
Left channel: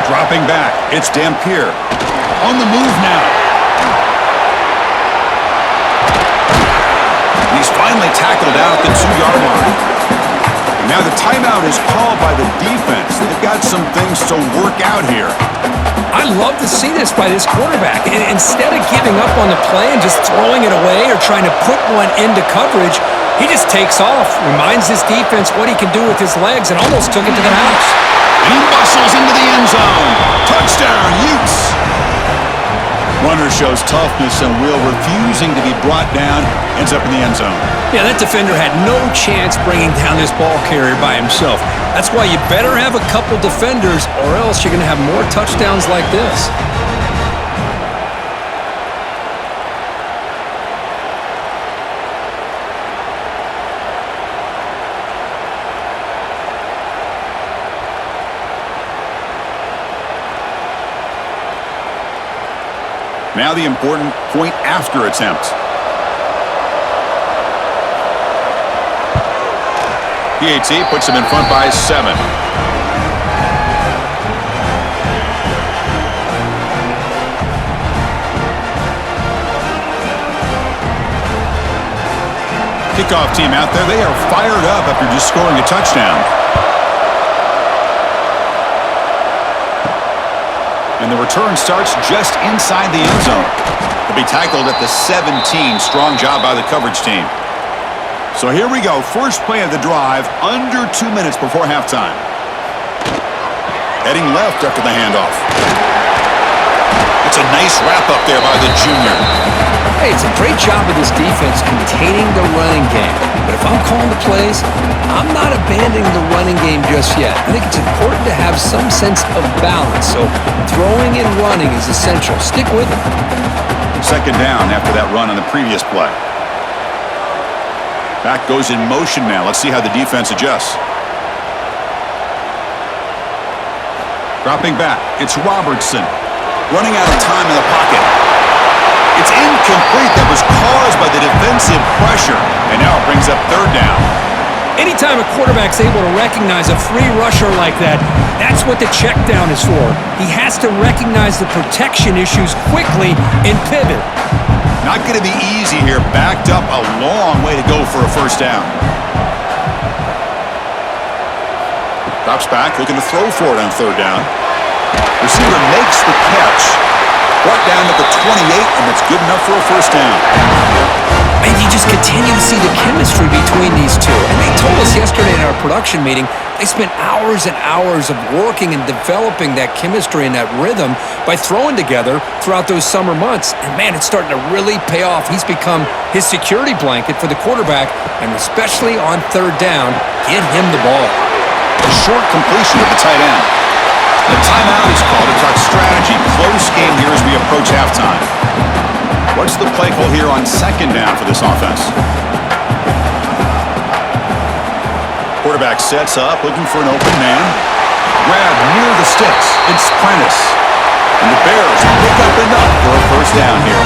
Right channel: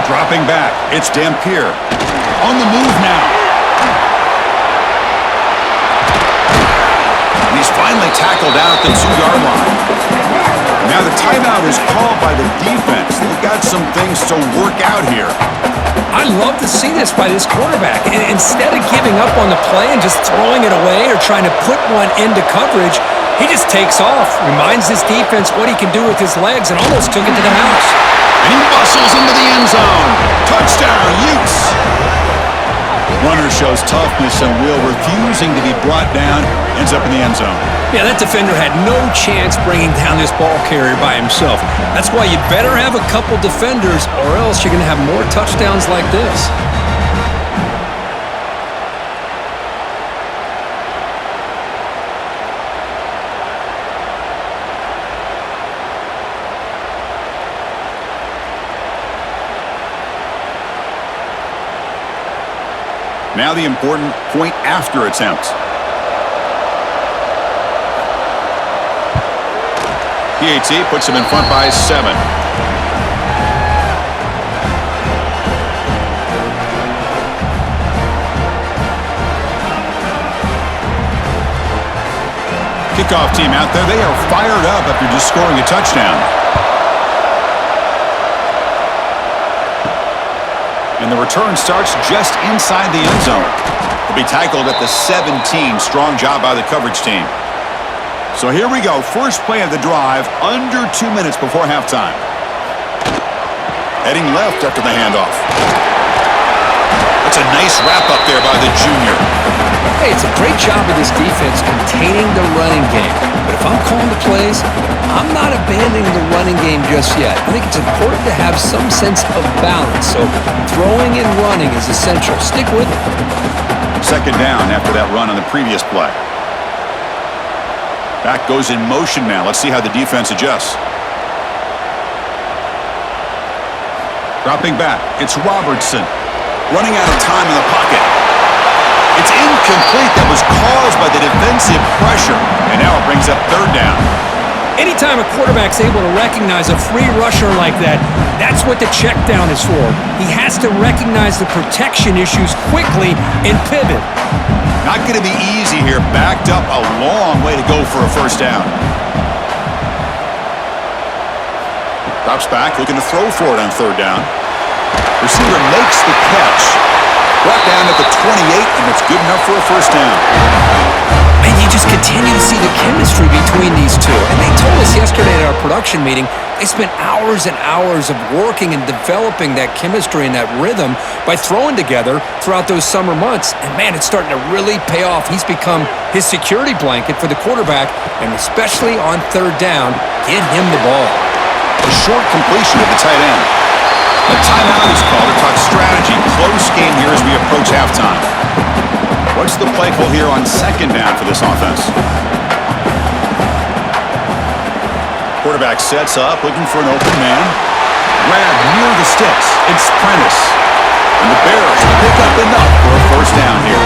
Dropping back. It's Dampier. On the move now. And he's finally tackled out at the 2-yard line. Now the timeout is called by the defense. They've got some things to work out here. I love to see this by this quarterback. Instead of giving up on the play and just throwing it away or trying to put one into coverage, he just takes off, reminds his defense what he can do with his legs, and almost took it to the house. And he bustles into the end zone. Touchdown, Utes! Runner shows toughness and will, refusing to be brought down, ends up in the end zone. Yeah, that defender had no chance bringing down this ball carrier by himself. That's why you better have a couple defenders, or else you're going to have more touchdowns like this. Now the important point after attempt. PAT puts him in front by 7. Kickoff team out there. They are fired up after just scoring a touchdown. And the return starts just inside the end zone. He'll be tackled at the 17. Strong job by the coverage team. So here we go. First play of the drive, under 2 minutes before halftime. Heading left after the handoff. That's a nice wrap up there by the junior. Hey, it's a great job of this defense containing the running game. But if I'm calling the plays, I'm not abandoning the running game just yet. I think it's important to have some sense of balance. So throwing and running is essential. Stick with it. Second down after that run on the previous play. Back goes in motion now. Let's see how the defense adjusts. Dropping back. It's Robertson. Running out of time in the pocket. It's incomplete. That was caused by the defensive pressure. And now it brings up third down. Anytime a quarterback's able to recognize a free rusher like that, that's what the check down is for. He has to recognize the protection issues quickly and pivot. Not going to be easy here. Backed up a long way to go for a first down. Drops back, looking to throw for it on third down. Receiver makes the catch. Brought down at the 28, and that's good enough for a first down. And you just continue to see the chemistry between these two. And they told us yesterday at our production meeting, they spent hours and hours of working and developing that chemistry and that rhythm by throwing together throughout those summer months. And man, it's starting to really pay off. He's become his security blanket for the quarterback, and especially on third down, get him the ball. A short completion of the tight end. The timeout is called to talk strategy. Close game here as we approach halftime. What's the play call here on second down for this offense? Quarterback sets up, looking for an open man. Grab near the sticks. It's Prentice. And the Bears pick up enough for a first down here.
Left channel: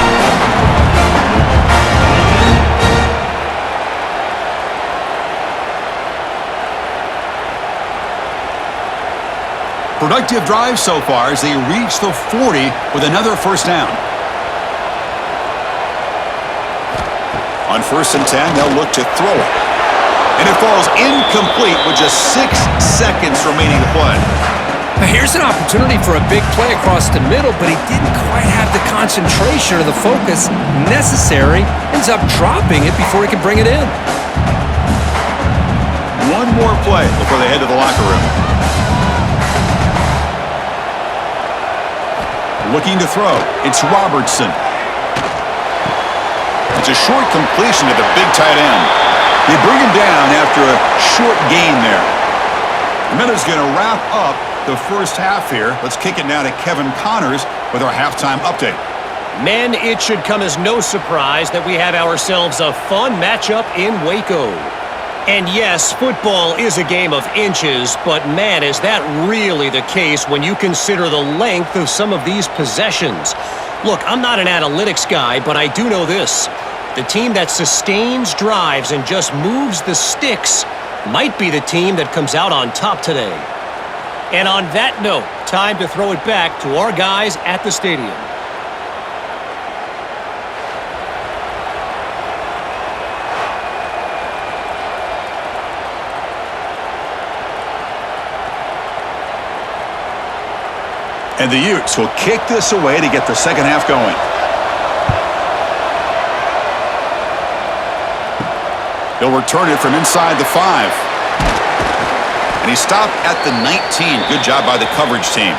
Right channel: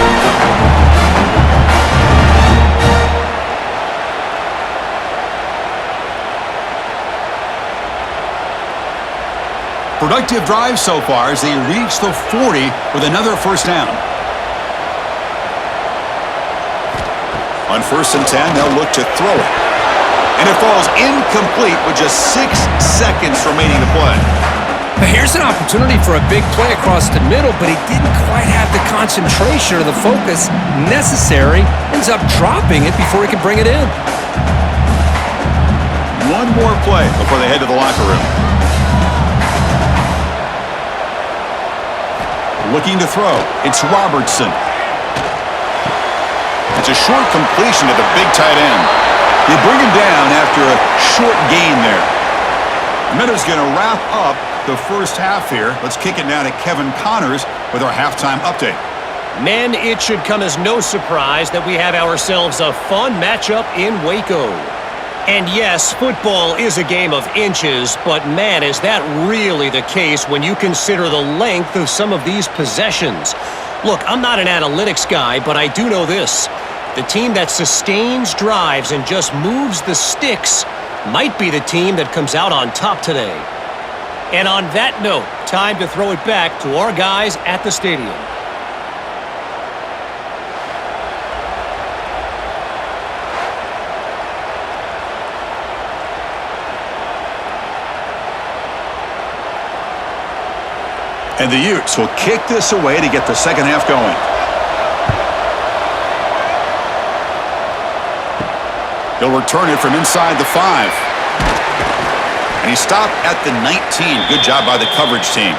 Productive drive so far as they reach the 40 with another first down. On 1st and 10, they'll look to throw it. And it falls incomplete with just 6 seconds remaining to play. Now here's an opportunity for a big play across the middle, but he didn't quite have the concentration or the focus necessary. Ends up dropping it before he can bring it in. One more play before they head to the locker room. Looking to throw. It's Robertson. It's a short completion to the big tight end. They bring him down after a short gain there. And that is going to wrap up the first half here. Let's kick it now to Kevin Connors with our halftime update. Men, it should come as no surprise that we have ourselves a fun matchup in Waco. And yes, football is a game of inches, but man, is that really the case when you consider the length of some of these possessions. Look, I'm not an analytics guy, but I do know this. The team that sustains drives and just moves the sticks might be the team that comes out on top today. And on that note, time to throw it back to our guys at the stadium. And the Utes will kick this away to get the second half going. He'll return it from inside the 5. And he stopped at the 19. Good job by the coverage team.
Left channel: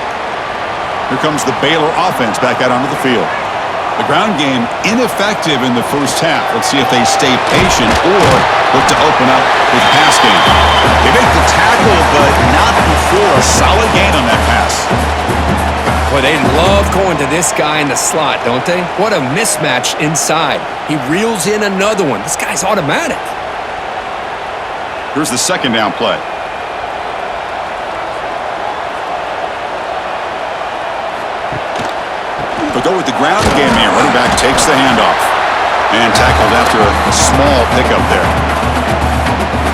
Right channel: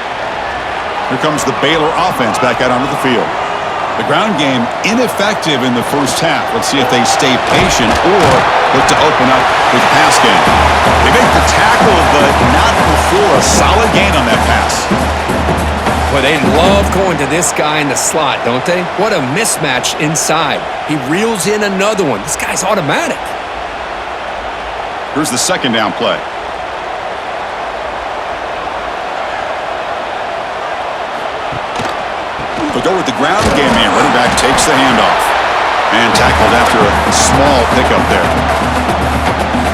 Here comes the Baylor offense back out onto the field. The ground game ineffective in the first half. Let's see if they stay patient or look to open up with the pass game. They make the tackle, but not before a solid gain on that pass. Boy, they love going to this guy in the slot, don't they? What a mismatch inside. He reels in another one. This guy's automatic. Here's the second down play. They'll go with the ground game here. Running back takes the handoff. And tackled after a small pickup there.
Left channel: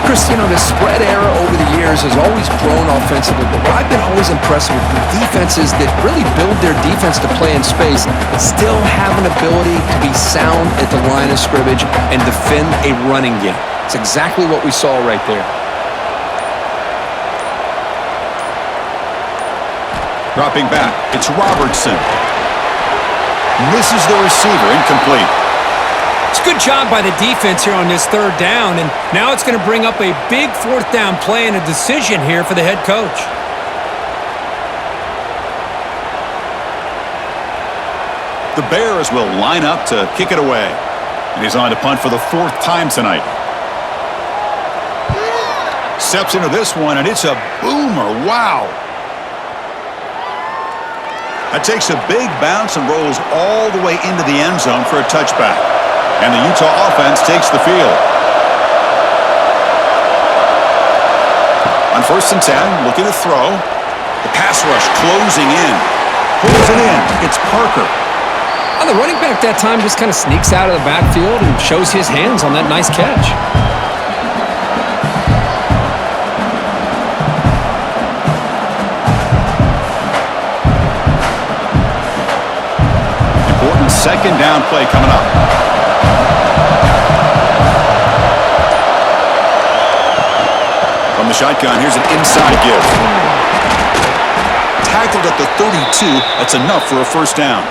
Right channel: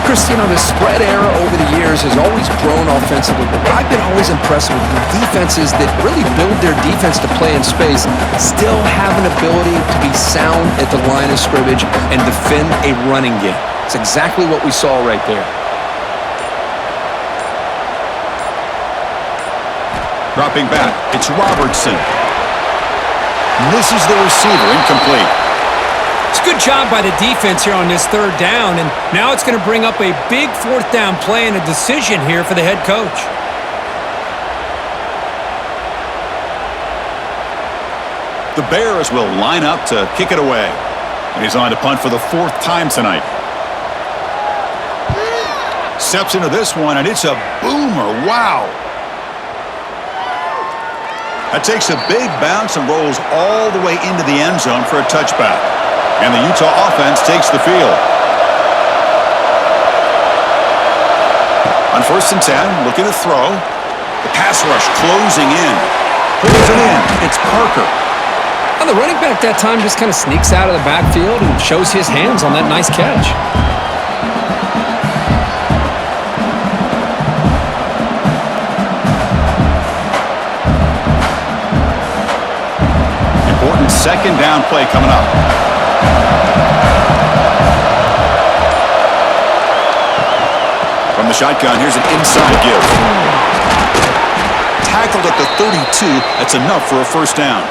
Chris, you know, the spread era over the years has always grown offensively, but what I've been always impressed with the defenses that really build their defense to play in space still have an ability to be sound at the line of scrimmage and defend a running game. It's exactly what we saw right there. Dropping back, it's Robertson. Misses the receiver, incomplete. It's a good job by the defense here on this third down, and now it's going to bring up a big fourth down play and a decision here for the head coach. The Bears will line up to kick it away. And he's on to punt for the 4th time tonight. Steps into this one, and it's a boomer. Wow. That takes a big bounce and rolls all the way into the end zone for a touchback. And the Utah offense takes the field. On 1st and 10, looking to throw. The pass rush closing in. Pulls it in. It's Parker. Well, the running back that time just kind of sneaks out of the backfield and shows his hands on that nice catch. Important second down play coming up. From the shotgun, here's an inside give. Tackled at the 32. That's enough for a first down.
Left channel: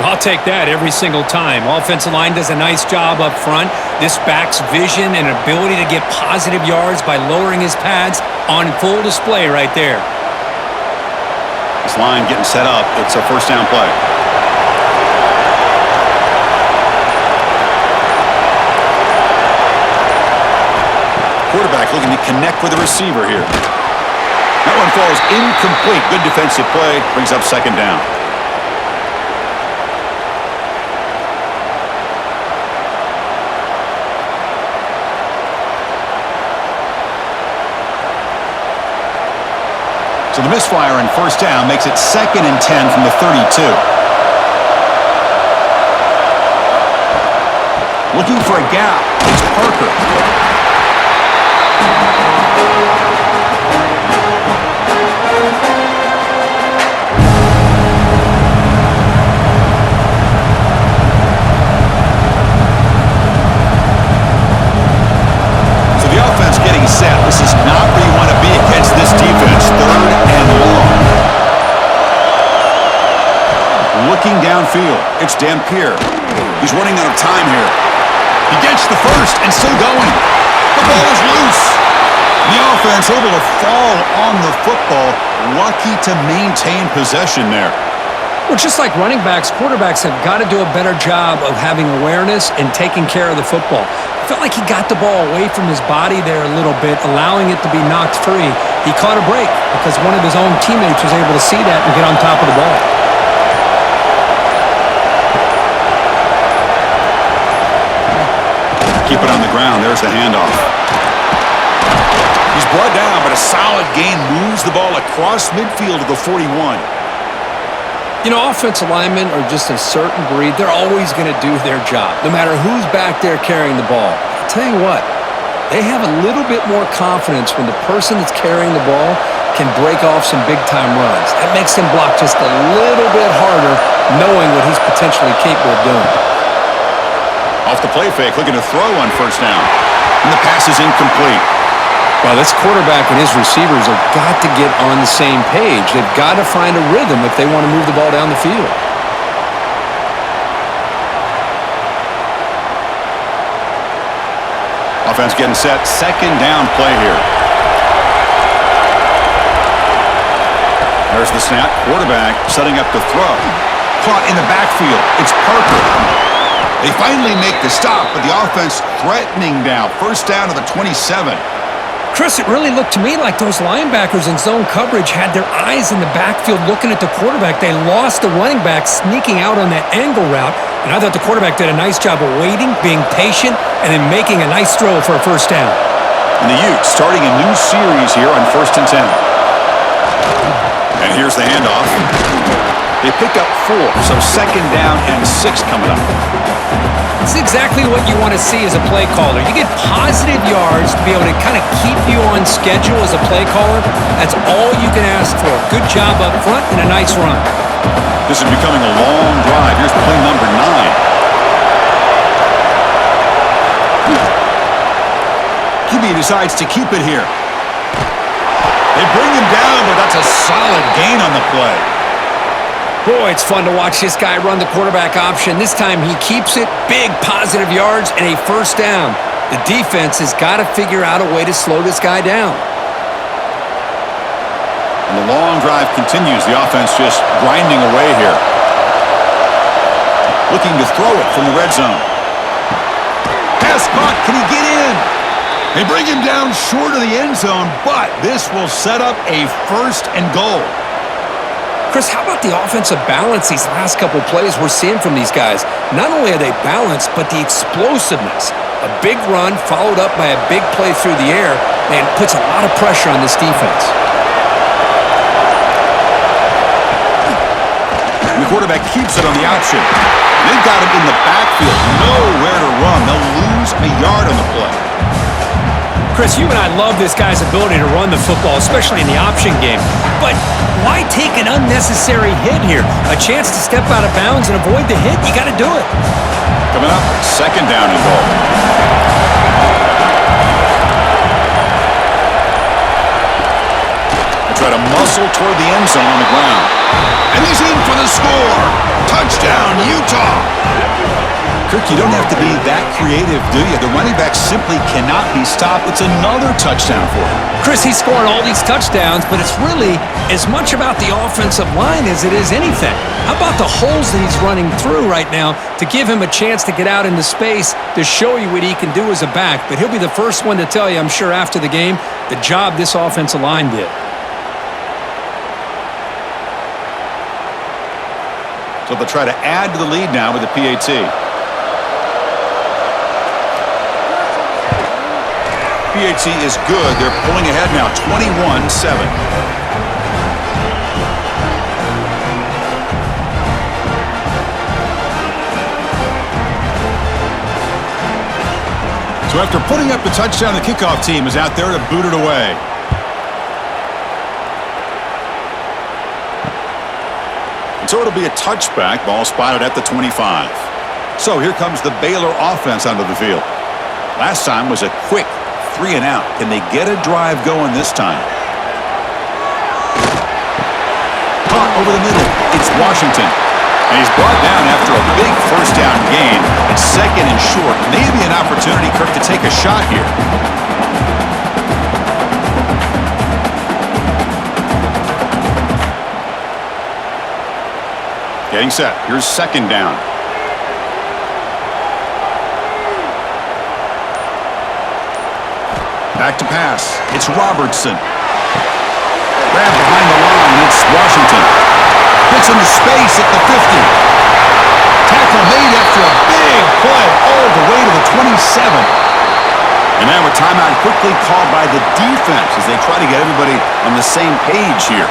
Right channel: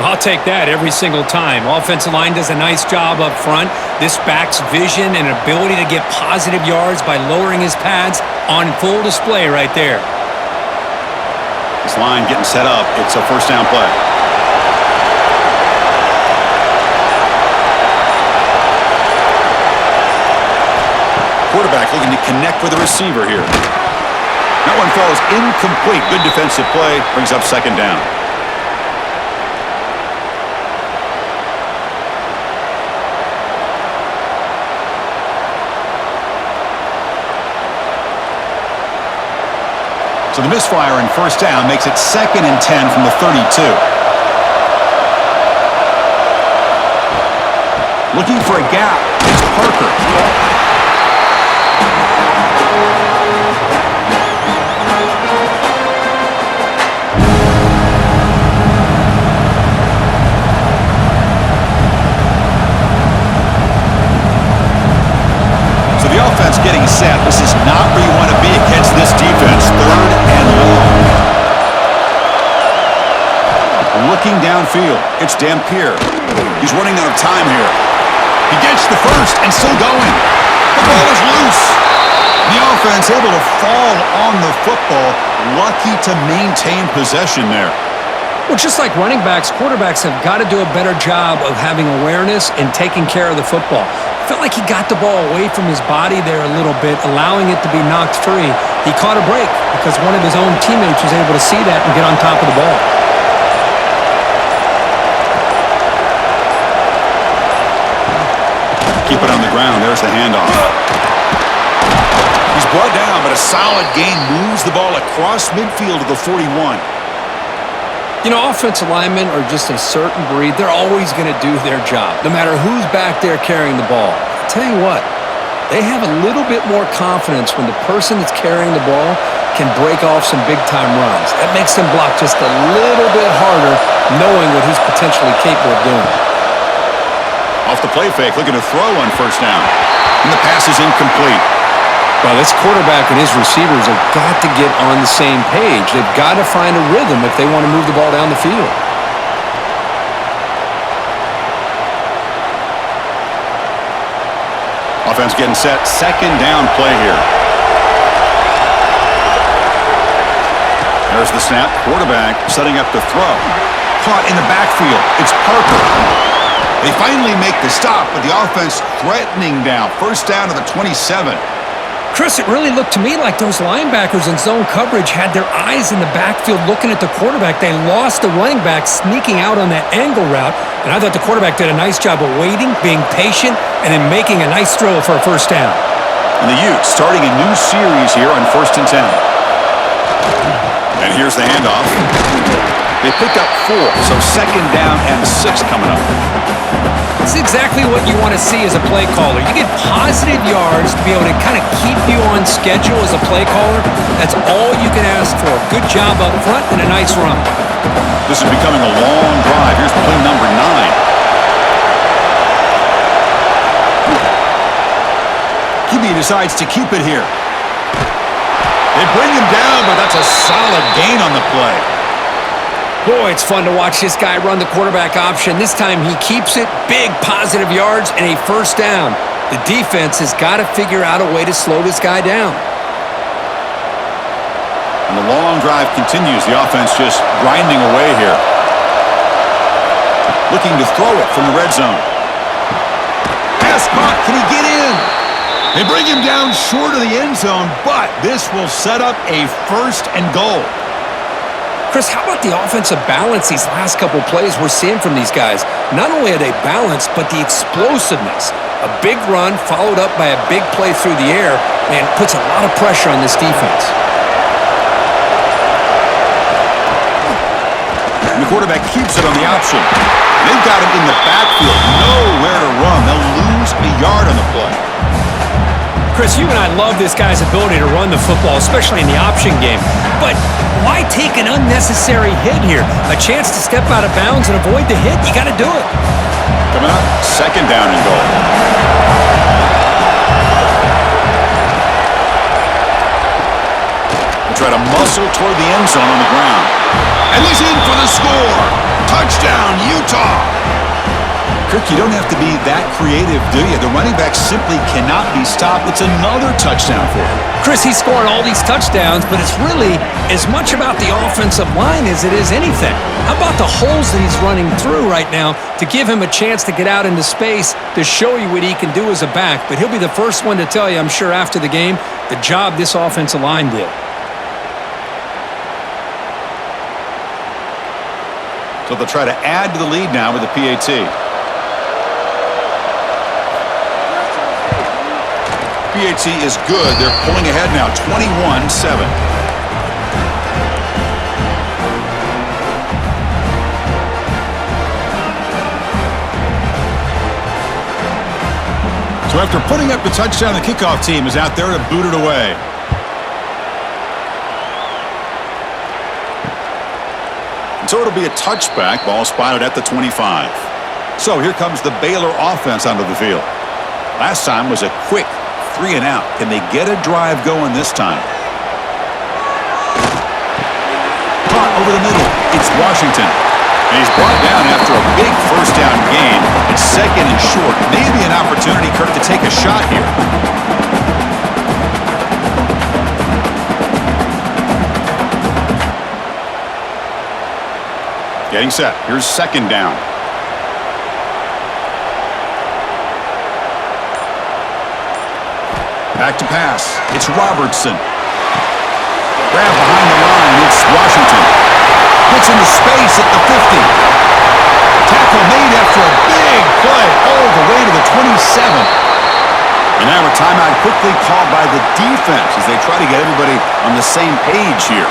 I'll take that every single time. Offensive line does a nice job up front. This back's vision and ability to get positive yards by lowering his pads on full display right there. This line getting set up. It's a first down play. Quarterback looking to connect with the receiver here. That one falls incomplete. Good defensive play. Brings up second down. So the misfire in first down makes it 2nd and 10 from the 32. Looking for a gap. It's Parker. So the offense getting set. This is not where you want to be against this defense. 3rd and long. Looking downfield. It's Dampier. He's running out of time here. He gets the first and still going. The ball is loose. The offense able to fall on the football. Lucky to maintain possession there. Well, just like running backs, quarterbacks have got to do a better job of having awareness and taking care of the football. I felt like he got the ball away from his body there a little bit, allowing it to be knocked free. He caught a break because one of his own teammates was able to see that and get on top of the ball. Keep it on the ground. There's the handoff. He's brought down, but a solid gain moves the ball across midfield to the 41. You know, offensive linemen are just a certain breed. They're always going to do their job, no matter who's back there carrying the ball. I'll tell you what, they have a little bit more confidence when the person that's carrying the ball can break off some big-time runs. That makes them block just a little bit harder, knowing what he's potentially capable of doing. Off the play fake, looking to throw on first down. And the pass is incomplete. Well, this quarterback and his receivers have got to get on the same page. They've got to find a rhythm if they want to move the ball down the field. Offense getting set. Second down play here. There's the snap. Quarterback setting up to throw. Caught in the backfield. It's Parker. They finally make the stop, but the offense threatening now. First down to the 27. Chris, it really looked to me like those linebackers in zone coverage had their eyes in the backfield looking at the quarterback. They lost the running back sneaking out on that angle route, and I thought the quarterback did a nice job of waiting, being patient, and then making a nice throw for a first down. And the Utes starting a new series here on 1st and 10. And here's the handoff. They pick up 4, so second down and 6 coming up. It's exactly what you want to see as a play caller. You get positive yards to be able to kind of keep you on schedule as a play caller. That's all you can ask for. Good job up front and a nice run. This is becoming a long drive. Here's play number 9. QB decides to keep it here. They bring him down, but that's a solid gain on the play. Boy, it's fun to watch this guy run the quarterback option. This time he keeps it, big positive yards, and a first down. The defense has got to figure out a way to slow this guy down. And the long drive continues. The offense just grinding away here. Looking to throw it from the red zone. Pass caught. Can he get in? They bring him down short of the end zone, but this will set up a first and goal. Chris, how about the offensive balance these last couple plays we're seeing from these guys? Not only are they balanced, but the explosiveness. A big run followed up by a big play through the air, man, puts a lot of pressure on this defense. And the quarterback keeps it on the option. They've got him in the backfield, nowhere to run. They'll lose a yard on the play. Chris, you and I love this guy's ability to run the football, especially in the option game. But why take an unnecessary hit here? A chance to step out of bounds and avoid the hit? You got to do it. Coming up, second down and goal. They try to muscle toward the end zone on the ground. And he's in for the score. Touchdown, Utah. Kirk, you don't have to be that creative, do you? The running back simply cannot be stopped. It's another touchdown for him. Chris, he's scoring all these touchdowns, but it's really as much about the offensive line as it is anything. How about the holes that he's running through right now to give him a chance to get out into space to show you what he can do as a back? But he'll be the first one to tell you, I'm sure, after the game, the job this offensive line did. So they'll try to add to the lead now with the PAT. PAT is good. They're pulling ahead now, 21-7. So after putting up the touchdown, the kickoff team is out there to boot it away. And so it'll be a touchback. Ball spotted at the 25. So here comes the Baylor offense onto the field. Last time was a quick 3 and out. Can they get a drive going this time? Caught over the middle. It's Washington. And he's brought down after a big first down gain. It's second and short. Maybe an opportunity, Kirk, to take a shot here. Getting set. Here's second down. Back to pass. It's Robertson. Grab behind the line. It's Washington. Gets into space at the 50. Tackle made after a big play all the way to the 27. And now a timeout quickly called by the defense as they try to get everybody on the same page here.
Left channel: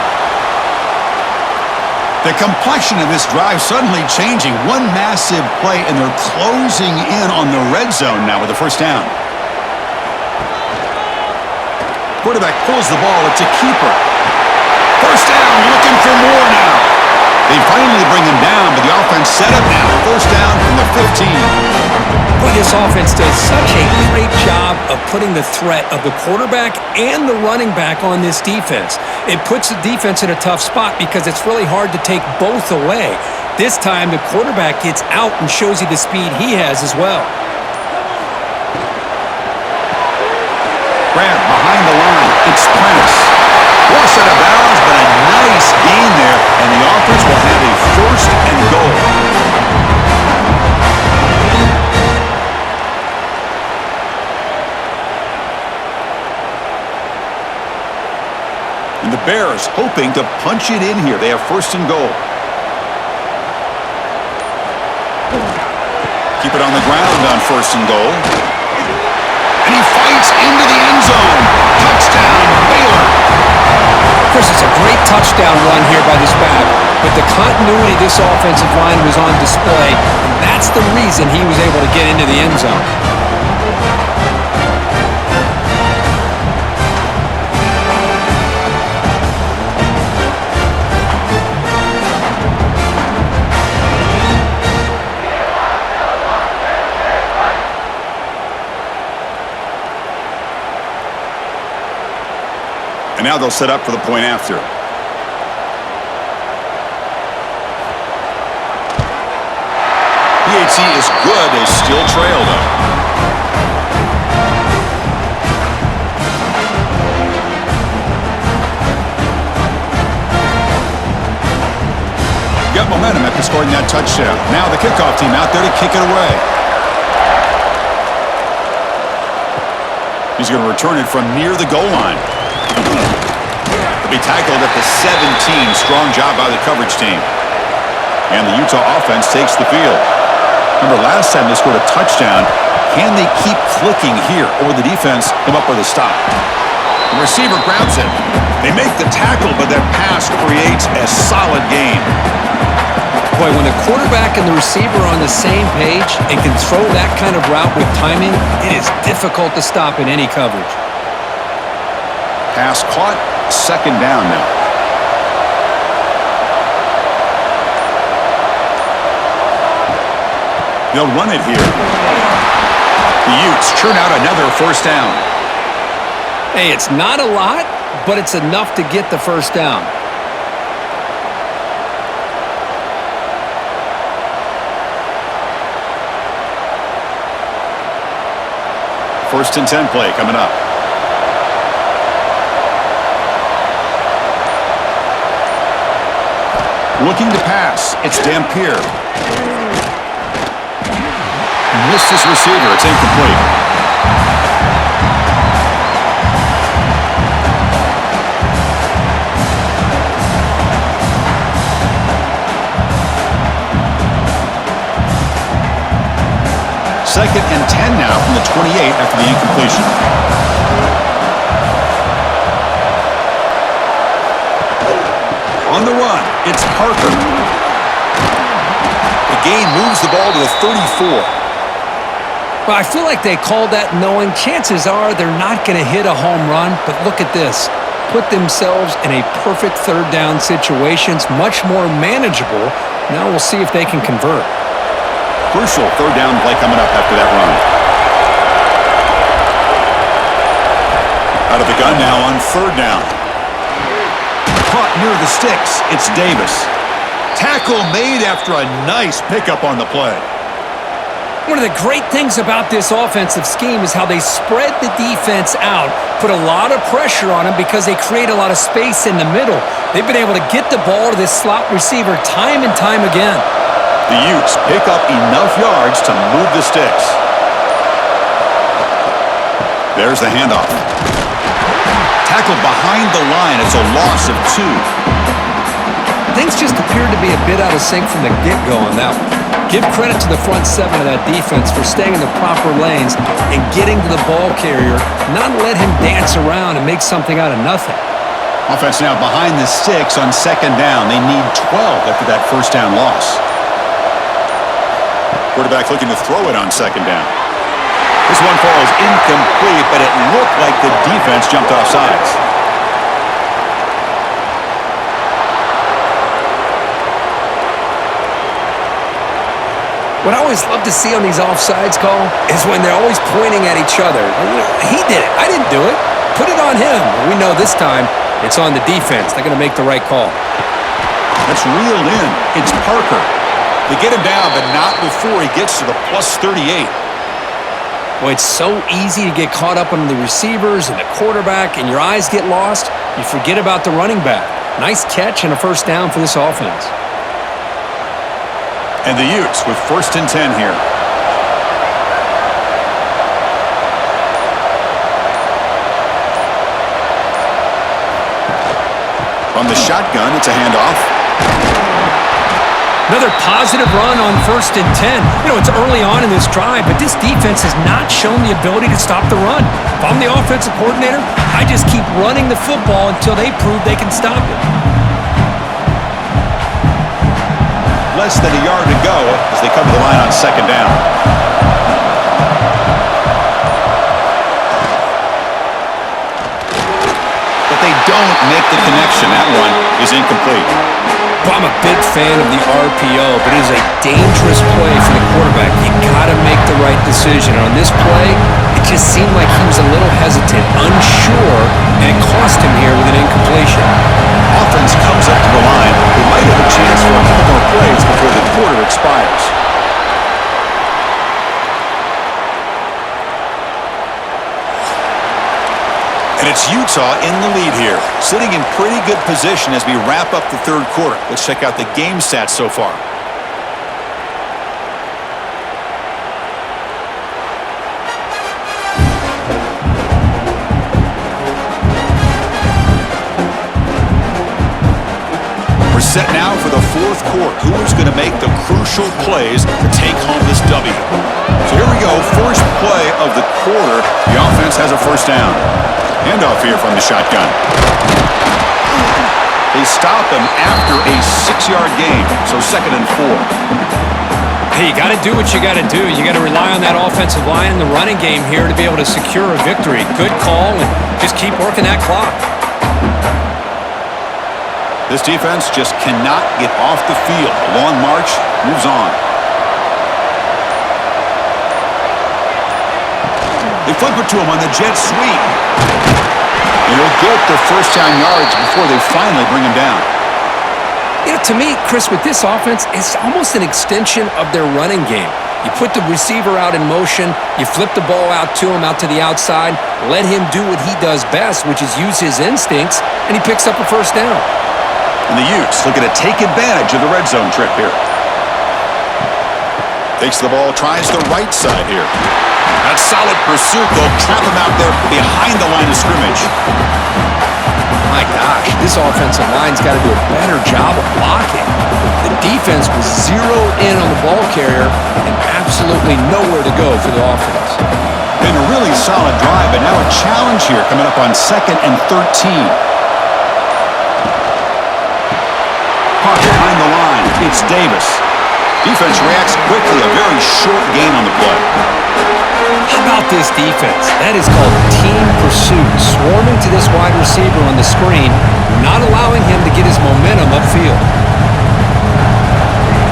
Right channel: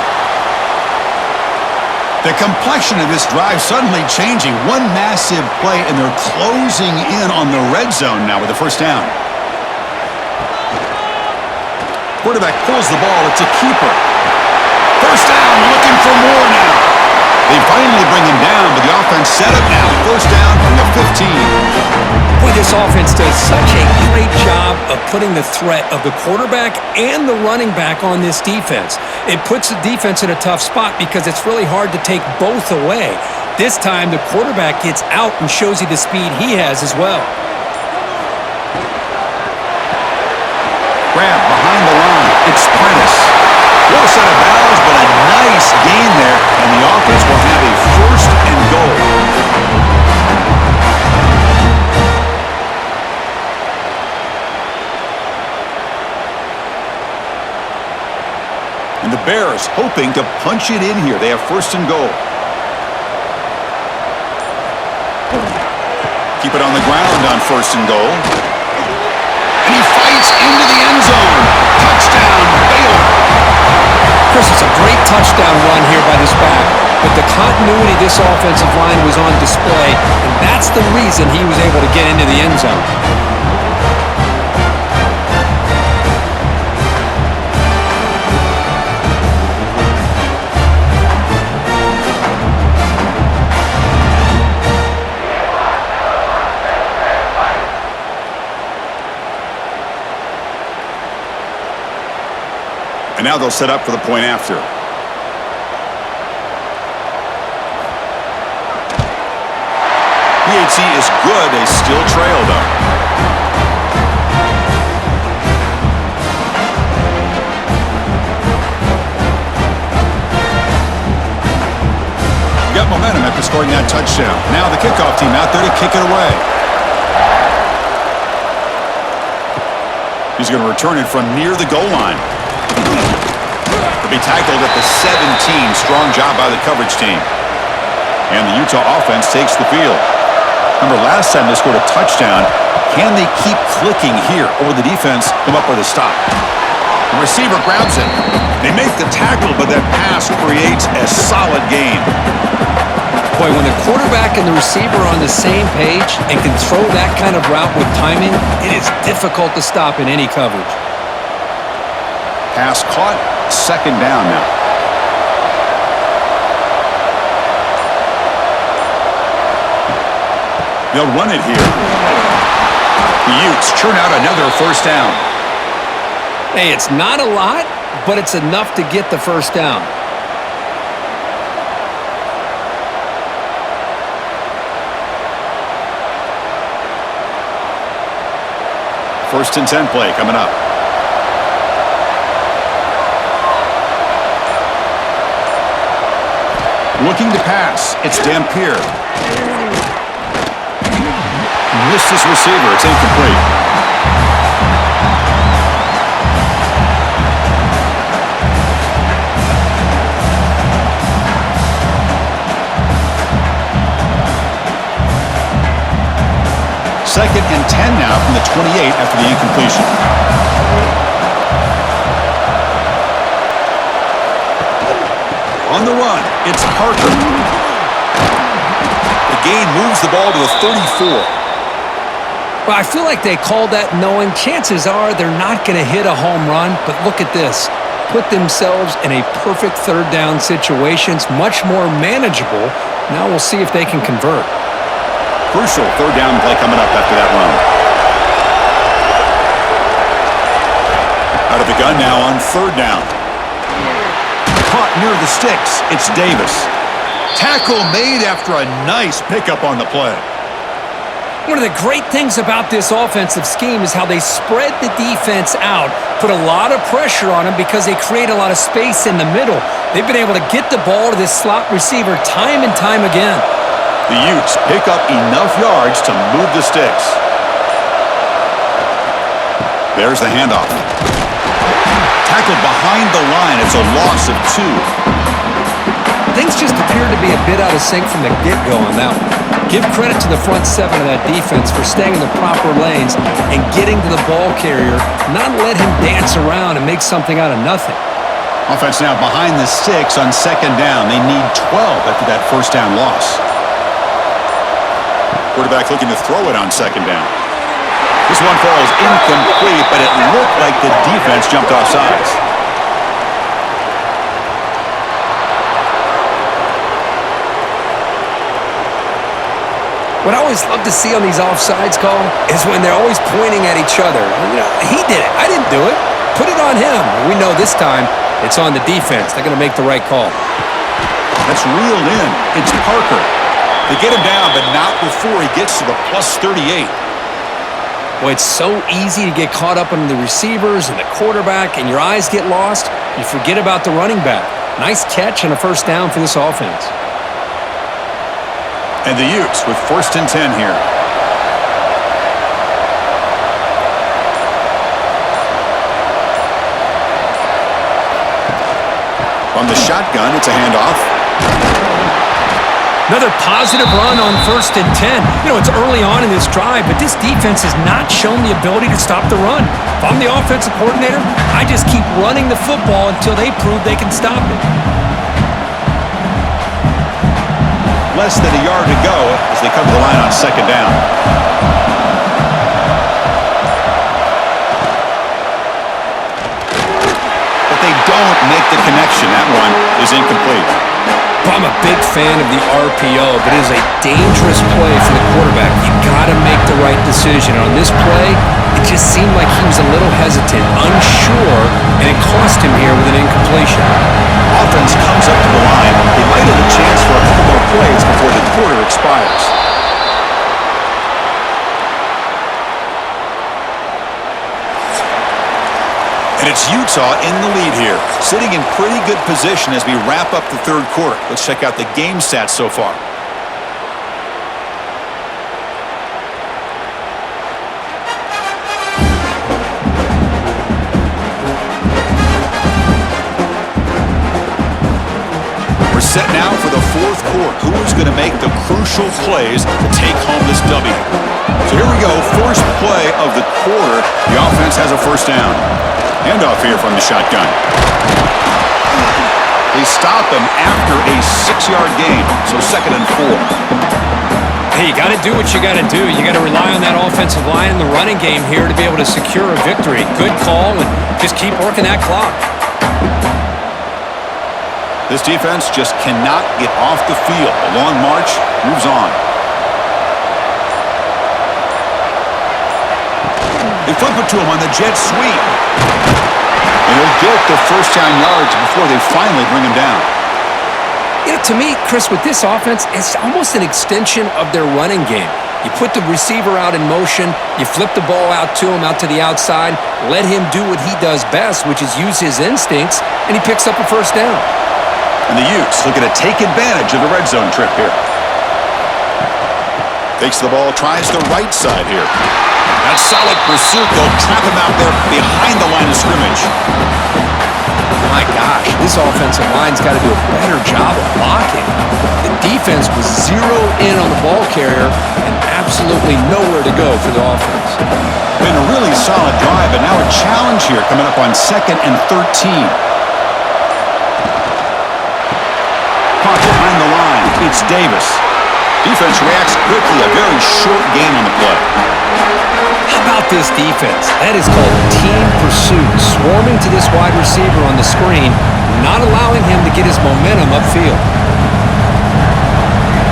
The complexion of this drive suddenly changing. One massive play, and they're closing in on the red zone now with the first down. Quarterback pulls the ball. It's a keeper. First down, looking for more now. They finally bring him down, but the offense set up now. First down from the 15. Boy, this offense does such a great job of putting the threat of the quarterback and the running back on this defense. It puts the defense in a tough spot because it's really hard to take both away. This time, the quarterback gets out and shows you the speed he has as well. Grab behind the line. It's Prentice. Force out of bounds, but a nice gain there, and the offense will have a first and goal. And the Bears hoping to punch it in here. They have first and goal. Keep it on the ground on first and goal. And he fights into the end zone. Touchdown, Baylor. Chris, it's a great touchdown run here by this back, but the continuity of this offensive line was on display, and that's the reason he was able to get into the end zone. And now they'll set up for the point after. PAT is good. They still trail, though. Got momentum after scoring that touchdown. Now the kickoff team out there to kick it away. He's going to return it from near the goal line. To be tackled at the 17. Strong job by the coverage team. And the Utah offense takes the field. Remember, last time they scored a touchdown. Can they keep clicking here, or the defense come up with a stop? The receiver grabs it. They make the tackle, but that pass creates a solid gain. Boy, when the quarterback and the receiver are on the same page and can throw that kind of route with timing, it is difficult to stop in any coverage. Pass caught, second down now. They'll run it here. The Utes churn out another first down. Hey, it's not a lot, but it's enough to get the first down. First and 10 play coming up. Looking to pass. It's Dampier. Missed his receiver. It's incomplete. Second and 10 now from the 28 after the incompletion. On the run, it's Parker. The gain moves the ball to the 34. Well, I feel like they called that knowing chances are they're not going to hit a home run, but look at this. Put themselves in a perfect third down situations, much more manageable. Now we'll see if they can convert. Crucial third down play coming up after that run. Out of the gun now on third down. Caught near the sticks. It's Davis. Tackle made after a nice pickup on the play. One of the great things about this offensive scheme is how they spread the defense out, put a lot of pressure on them because they create a lot of space in the middle. They've been able to get the ball to this slot receiver time and time again. The Utes pick up enough yards to move the sticks. There's the handoff. Tackled behind the line. It's a loss of 2. Things just appeared to be a bit out of sync from the get-go on that one. Give credit to the front 7 of that defense for staying in the proper lanes and getting to the ball carrier, not let him dance around and make something out of nothing. Offense now behind the 6 on 2nd down. They need 12 after that first down loss. Quarterback looking to throw it on 2nd down. This one falls incomplete, but it looked like the defense jumped off sides. What I always love to see on these offsides call is when they're always pointing at each other. You know, he did it. I didn't do it. Put it on him. We know this time it's on the defense. They're going to make the right call. That's reeled in. It's Parker. They get him down, but not before he gets to the plus 38. Boy, it's so easy to get caught up on the receivers and the quarterback, and your eyes get lost. You forget about the running back. Nice catch and a first down for this offense. And the Utes with 1st and 10 here. From the shotgun, it's a handoff. Another positive run on 1st and 10. You know, it's early on in this drive, but this defense has not shown the ability to stop the run. If I'm the offensive coordinator, I just keep running the football until they prove they can stop it. Less than a yard to go as they cover the line on 2nd down. But they don't make the connection. That one is incomplete. Well, I'm a big fan of the RPO, but it is a dangerous play for the quarterback. You got to make the right decision. On this play, it just seemed like he was a little hesitant, unsure, and it cost him here with an incompletion. Offense comes up to the line. They might have a chance for a couple more plays before the quarter expires. And it's Utah in the lead here, sitting in pretty good position as we wrap up the 3rd quarter. Let's check out the game stats so far. Set now for the 4th quarter. Who is going to make the crucial plays to take home this W? So here we go. First play of the quarter. The offense has a first down. Handoff here from the shotgun. They stop him after a 6-yard gain. So 2nd and 4. Hey, you got to do what you got to do. You got to rely on that offensive line in the running game here to be able to secure a victory. Good call, and just keep working that clock. This defense just cannot get off the field. The long march moves on. They flip it to him on the jet sweep. And he'll get the first down yards before they finally bring him down. You know, to me, Chris, with this offense, it's almost an extension of their running game. You put the receiver out in motion, you flip the ball out to him, out to the outside, let him do what he does best, which is use his instincts, and he picks up a first down. And the Utes looking to take advantage of the red zone trip here. Takes the ball, tries the right side here. That solid pursuit, they'll trap him out there behind the line of scrimmage. My gosh, this offensive line's got to do a better job of blocking. The defense was zeroed in on the ball carrier and absolutely nowhere to go for the offense. Been a really solid drive, but now a challenge here coming up on 2nd and 13. Caught behind the line. It's Davis. Defense reacts quickly. A very short gain on the play. How about this defense? That is called team pursuit. Swarming to this wide receiver on the screen, not allowing him to get his momentum upfield.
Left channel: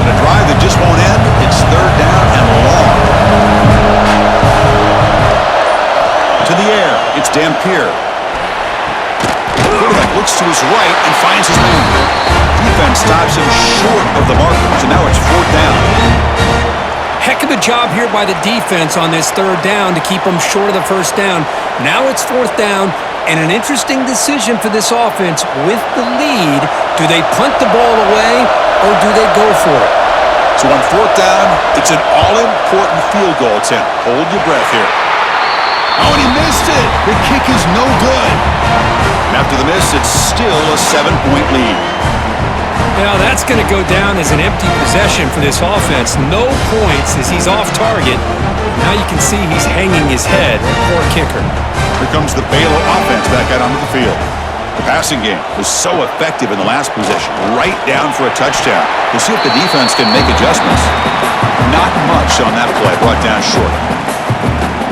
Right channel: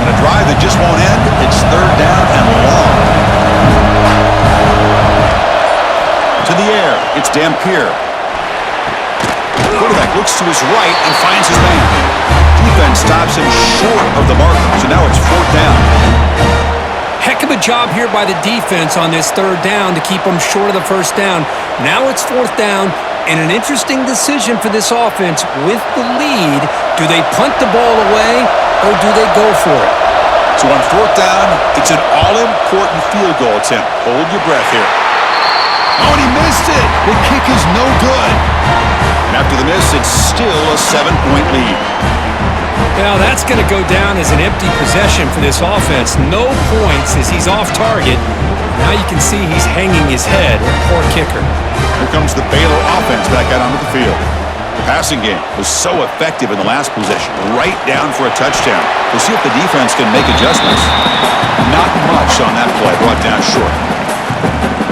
And a drive that just won't end. It's 3rd down and long. To the air. It's Dampier. Quarterback looks to his right and finds his man. Defense stops him short of the marker, so now it's 4th down. Heck of a job here by the defense on this third down to keep them short of the first down. Now it's fourth down, and an interesting decision for this offense with the lead. Do they punt the ball away, or do they go for it? So on fourth down, it's an all-important field goal attempt. Hold your breath here. Oh, and he missed it. The kick is no good. And after the miss, it's still a 7-point lead. Now that's going to go down as an empty possession for this offense. No points as he's off target. Now you can see he's hanging his head. Poor kicker. Here comes the Baylor offense back out onto the field. The passing game was so effective in the last possession, right down for a touchdown. We'll see if the defense can make adjustments. Not much on that play, brought down short.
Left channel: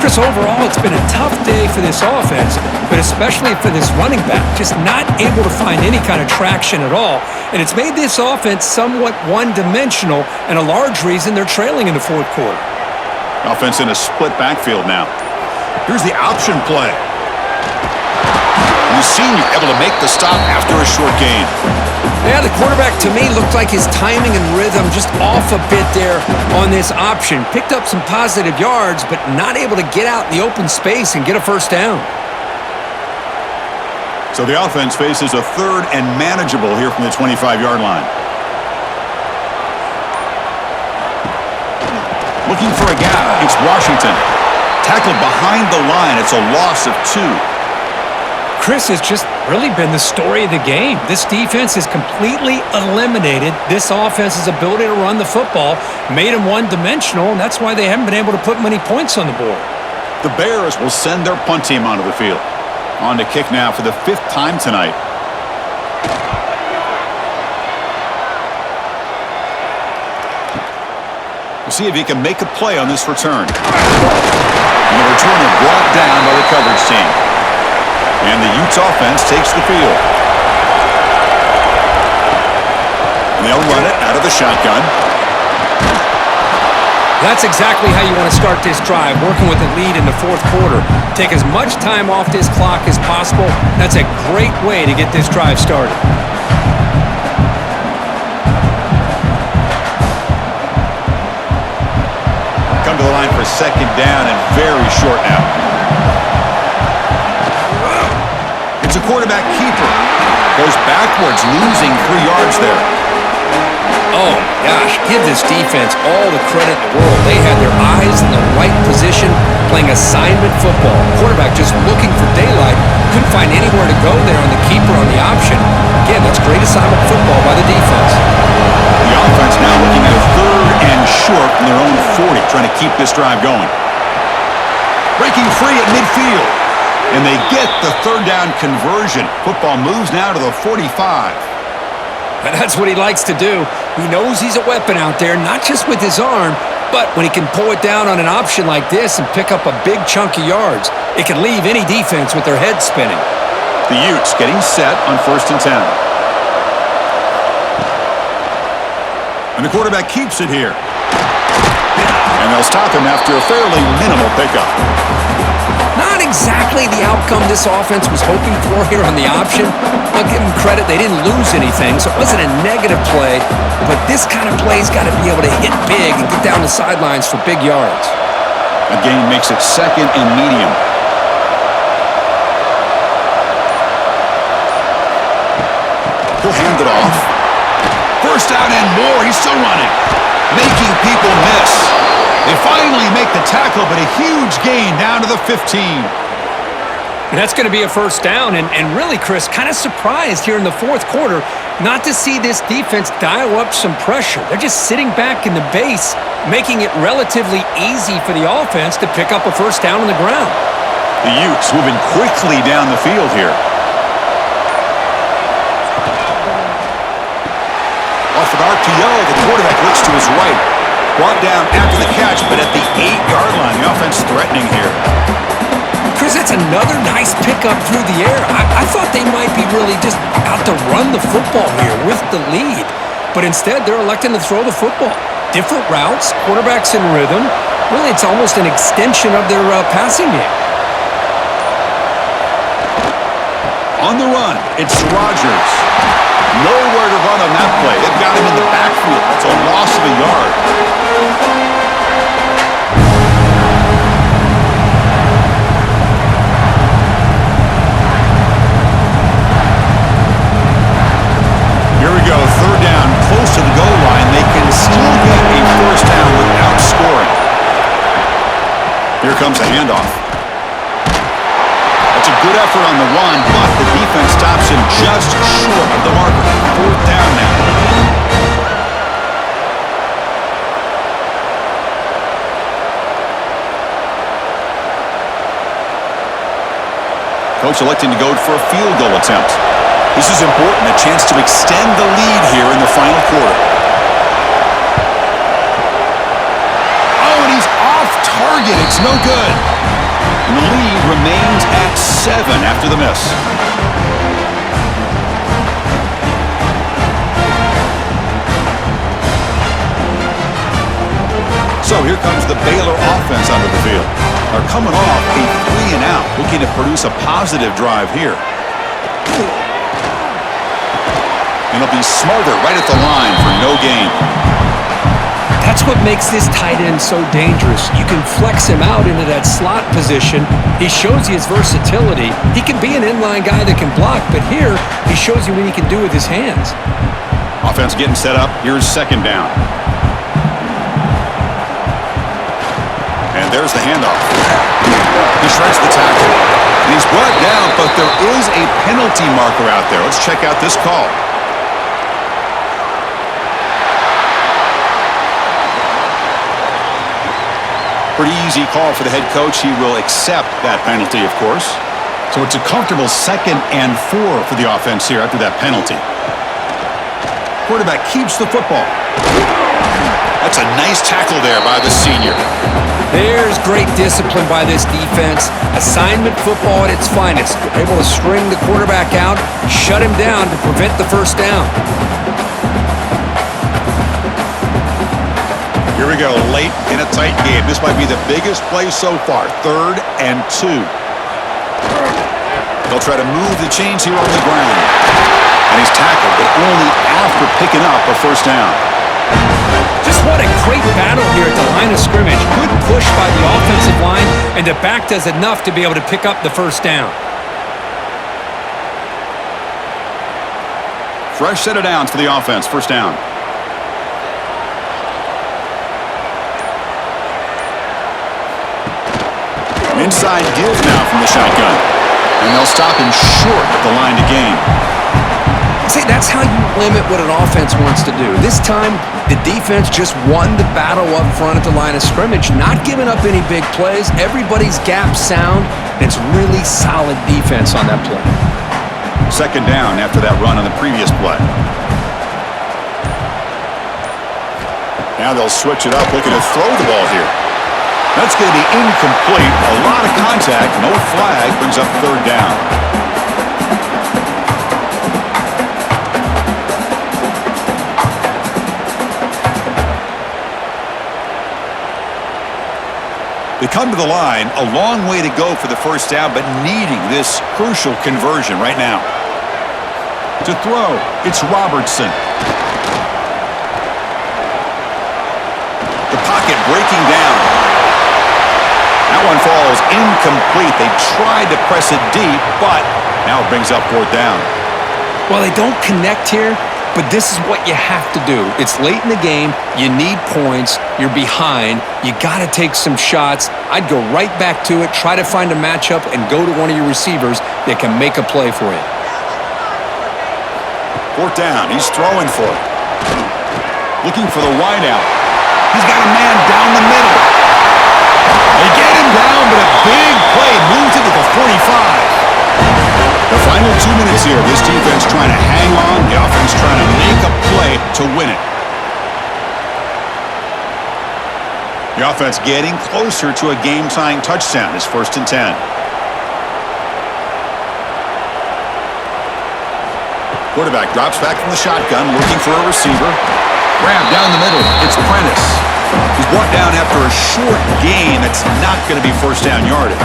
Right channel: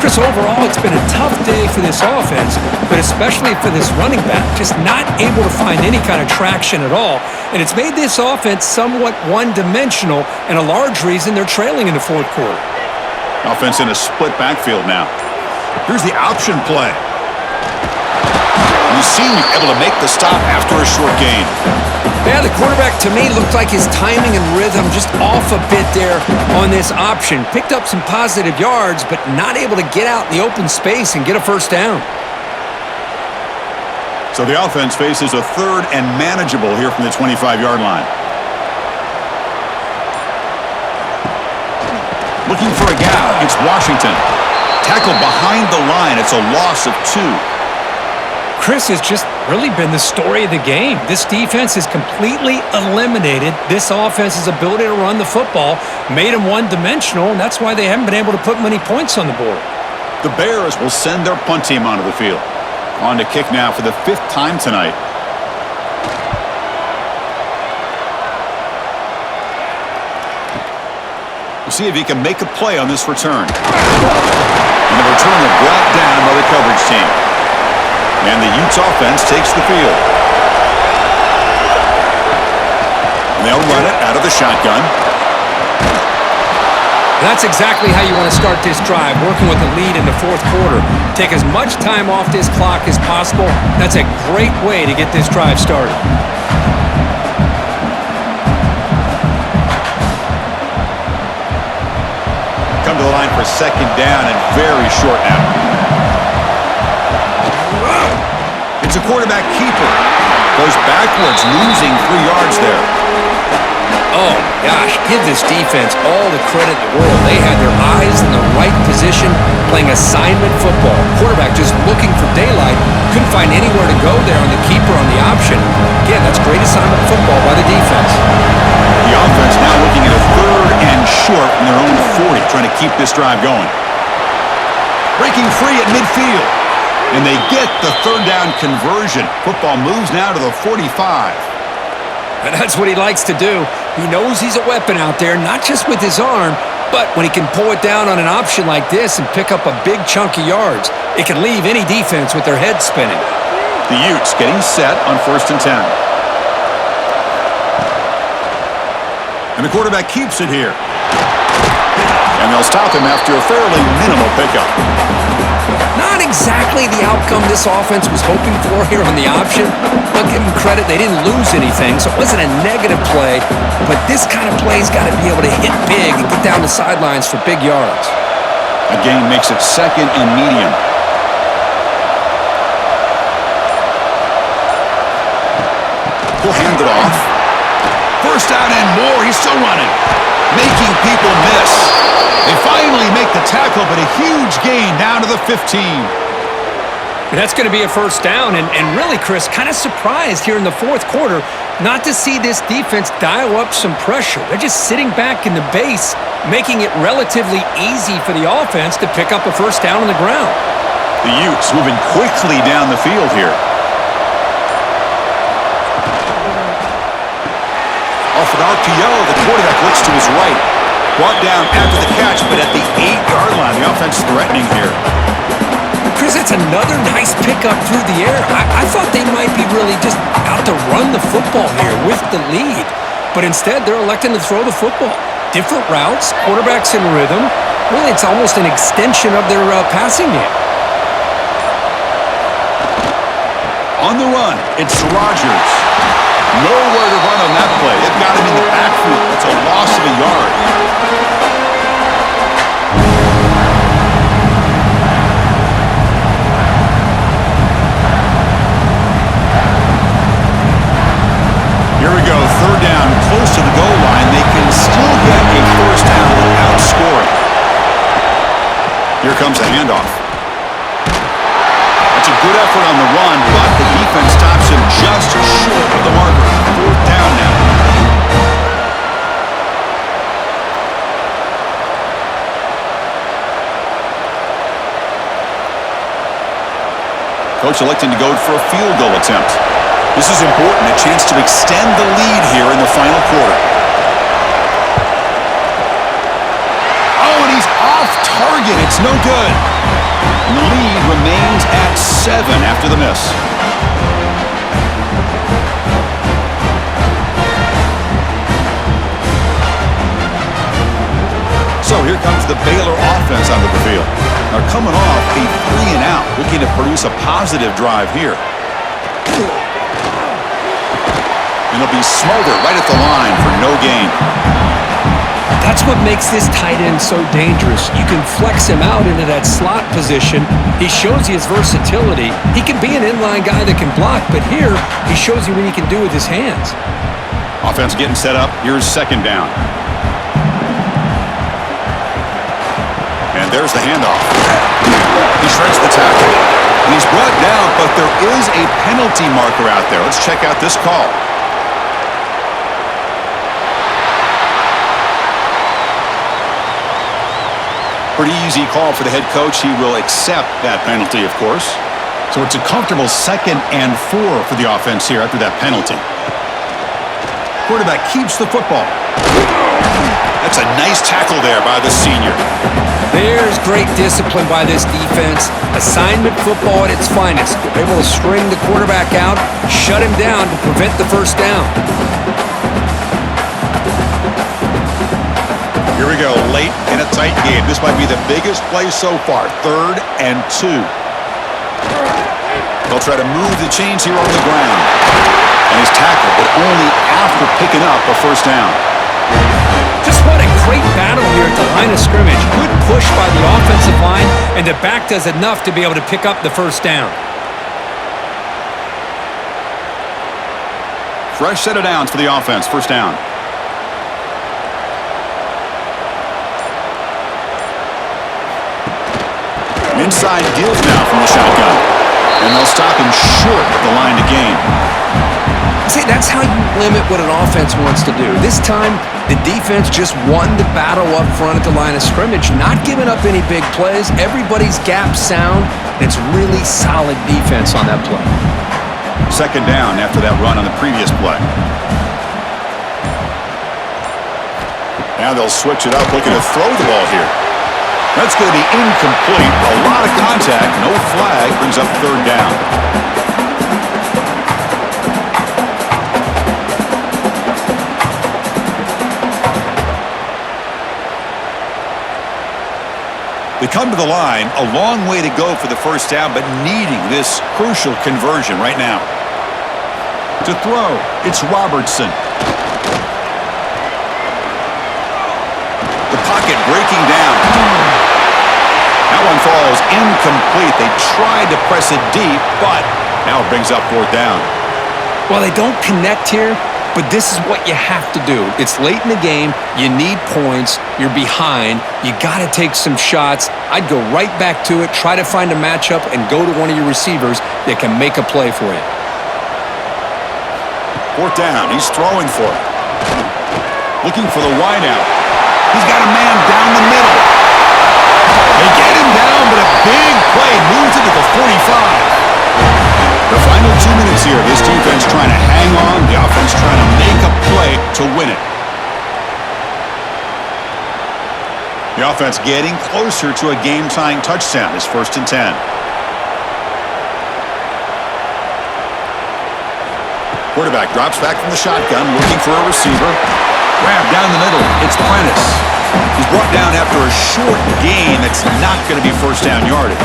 Chris, overall, it's been a tough day for this offense, but especially for this running back. Just not able to find any kind of traction at all. And it's made this offense somewhat one-dimensional, and a large reason they're trailing in the fourth quarter. Offense in a split backfield now. Here's the option play. And the senior able to make the stop after a short gain. Yeah, the quarterback, to me, looked like his timing and rhythm just off a bit there on this option. Picked up some positive yards, but not able to get out in the open space and get a first down. So the offense faces a third and manageable here from the 25-yard line. Looking for a gap. It's Washington. Tackled behind the line. It's a loss of 2. Chris, has just really been the story of the game. This defense has completely eliminated this offense's ability to run the football, made them one-dimensional, and that's why they haven't been able to put many points on the board. The Bears will send their punt team onto the field. On to kick now for the 5th time tonight. We'll see if he can make a play on this return. And the returner brought down by the coverage team. And the Utes offense takes the field. And they'll run it out of the shotgun. That's exactly how you want to start this drive, working with the lead in the fourth quarter. Take as much time off this clock as possible. That's a great way to get this drive started. Come to the line for second down and very short now. It's a quarterback keeper. Goes backwards, losing 3 yards there. Oh, my gosh, give this defense all the credit in the world. They had their eyes in the right position, playing assignment football. Quarterback just looking for daylight. Couldn't find anywhere to go there on the keeper on the option. Again, that's great assignment football by the defense. The offense now looking at a third and short from their own 40, trying to keep this drive going. Breaking free at midfield. And they get the third down conversion. Football moves now to the 45. And that's what he likes to do. He knows he's a weapon out there, not just with his arm, but when he can pull it down on an option like this and pick up a big chunk of yards, it can leave any defense with their head spinning. The Utes getting set on 1st and 10. And the quarterback keeps it here. And they'll stop him after a fairly minimal pickup. Not exactly the outcome this offense was hoping for here on the option. I'll give them credit, they didn't lose anything, so it wasn't a negative play, but this kind of play's got to be able to hit big and get down the sidelines for big yards. A gain makes it second and medium. He'll hand it off. First down and more, he's still running, making people miss. They finally make the tackle, but a huge gain down to the 15. That's going to be a first down, and really, Chris, kind of surprised here in the fourth quarter not to see this defense dial up some pressure. They're just sitting back in the base, making it relatively easy for the offense to pick up a first down on the ground. The Utes moving quickly down the field here. Off an RPO, the quarterback looks to his right. Brought down after the catch, but at the 8-yard line, the offense threatening here. Chris, that's another nice pickup through the air. I thought they might be really just out to run the football here with the lead, but instead they're electing to throw the football. Different routes, quarterbacks in rhythm. Really, it's almost an extension of their passing game. On the run, it's Rodgers. Nowhere to run on that play. They've got him in the backfield. That's a loss of a yard. down close to the goal line, they can still get a first down without scoring. Here comes a handoff. That's a good effort on the run, but the defense stops him just short of the marker. Fourth down now. Coach electing to go for a field goal attempt. This is important, a chance to extend the lead here in the final quarter. Oh, and he's off target. It's no good. And the lead remains at 7 after the miss. So here comes the Baylor offense onto the field. They're coming off a 3-and-out, looking to produce a positive drive here. And it'll be Smolder right at the line for no gain. That's what makes this tight end so dangerous. You can flex him out into that slot position. He shows you his versatility. He can be an inline guy that can block, but here he shows you what he can do with his hands. Offense getting set up. Here's second down. And there's the handoff. He shreds the tackle. And he's brought down, but there is a penalty marker out there. Let's check out this call. Pretty easy call for the head coach. He will accept that penalty, of course. So it's a comfortable 2nd and 4 for the offense here after that penalty. Quarterback keeps the football. That's a nice tackle there by the senior. There's great discipline by this defense. Assignment football at its finest. They're able to string the quarterback out, shut him down to prevent the first down. Here we go, late in a tight game. This might be the biggest play so far. 3rd and 2. They'll try to move the chains here on the ground. And he's tackled, but only after picking up a first down. Just what a great battle here at the line of scrimmage. Good push by the offensive line, and the back does enough to be able to pick up the first down. Fresh set of downs for the offense. First down. Inside give now from the shotgun. And they'll stop him short of the line to gain. See, that's how you limit what an offense wants to do. This time, the defense just won the battle up front at the line of scrimmage, not giving up any big plays. Everybody's gap sound. It's really solid defense on that play. Second down after that run on the previous play. Now they'll switch it up, looking to throw the ball here. That's going to be incomplete. A lot of contact, no flag, brings up third down. They come to the line, a long way to go for the first down, but needing this crucial conversion right now. To throw, it's Robertson. The pocket breaking down. That one falls incomplete. They tried to press it deep, but now it brings up fourth down. Well, they don't connect here, but this is what you have to do. It's late in the game. You need points. You're behind. You got to take some shots. I'd go right back to it, try to find a matchup, and go to one of your receivers that can make a play for you. Fourth down. He's throwing for it. Looking for the wideout. He's got a man down the middle. They get him down, but a big play moves it to the 45. The final 2 minutes here. This defense trying to hang on. The offense trying to make a play to win it. The offense getting closer to a game-tying touchdown. It's 1st and 10. Quarterback drops back from the shotgun, looking for a receiver. Grab down the middle. It's Prentice. He's brought down after a short gain that's not going to be first down yardage.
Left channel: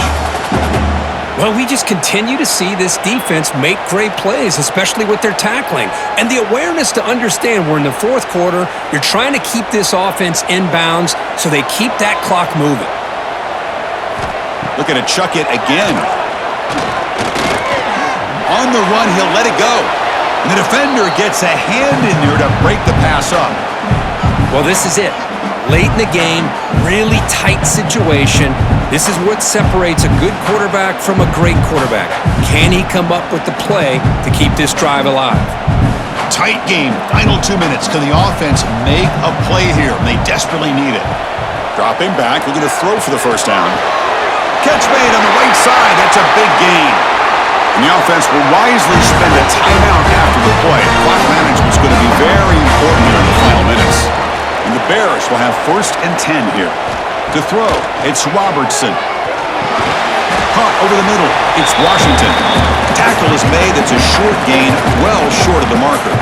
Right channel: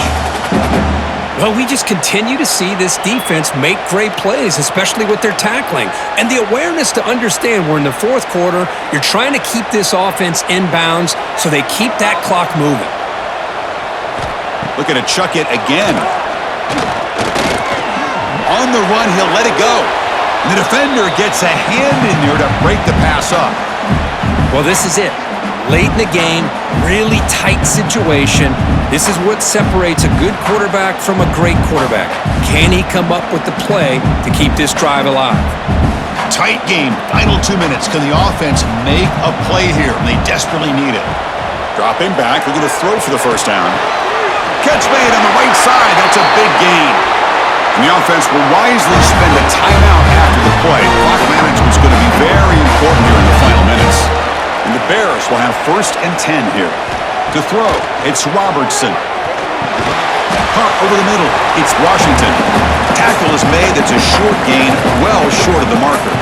Well, we just continue to see this defense make great plays, especially with their tackling. And the awareness to understand we're in the fourth quarter, you're trying to keep this offense in bounds so they keep that clock moving. Looking to chuck it again. On the run, he'll let it go. And the defender gets a hand in there to break the pass up. Well, this is it. Late in the game, really tight situation. This is what separates a good quarterback from a great quarterback. Can he come up with the play to keep this drive alive? Tight game, final 2 minutes. Can the offense make a play here? They desperately need it. Dropping back, looking to throw for the first down. Catch made on the right side. That's a big gain. And the offense will wisely spend a timeout after the play. Clock management is going to be very important here in the final minutes. And the Bears will have 1st and 10 here. To throw, it's Robertson. Punt over the middle, it's Washington. Tackle is made, that's a short gain, well short of the marker.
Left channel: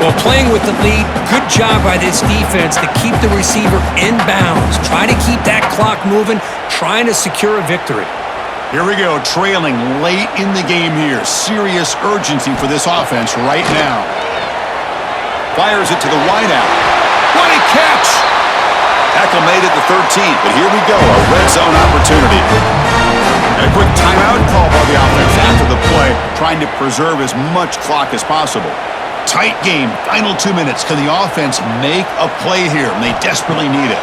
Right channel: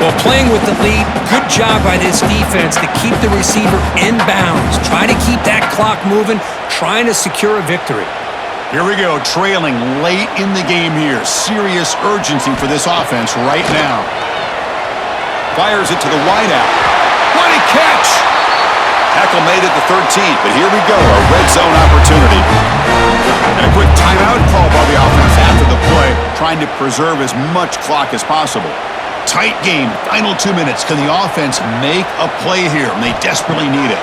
Well, playing with the lead, good job by this defense to keep the receiver in bounds. Try to keep that clock moving, trying to secure a victory. Here we go, trailing late in the game here. Serious urgency for this offense right now. Fires it to the wideout. What a catch! Tackle made at the 13, but here we go, a red zone opportunity. And a quick timeout call by the offense after the play, trying to preserve as much clock as possible. Tight game, final 2 minutes. Can the offense make a play here? And they desperately need it.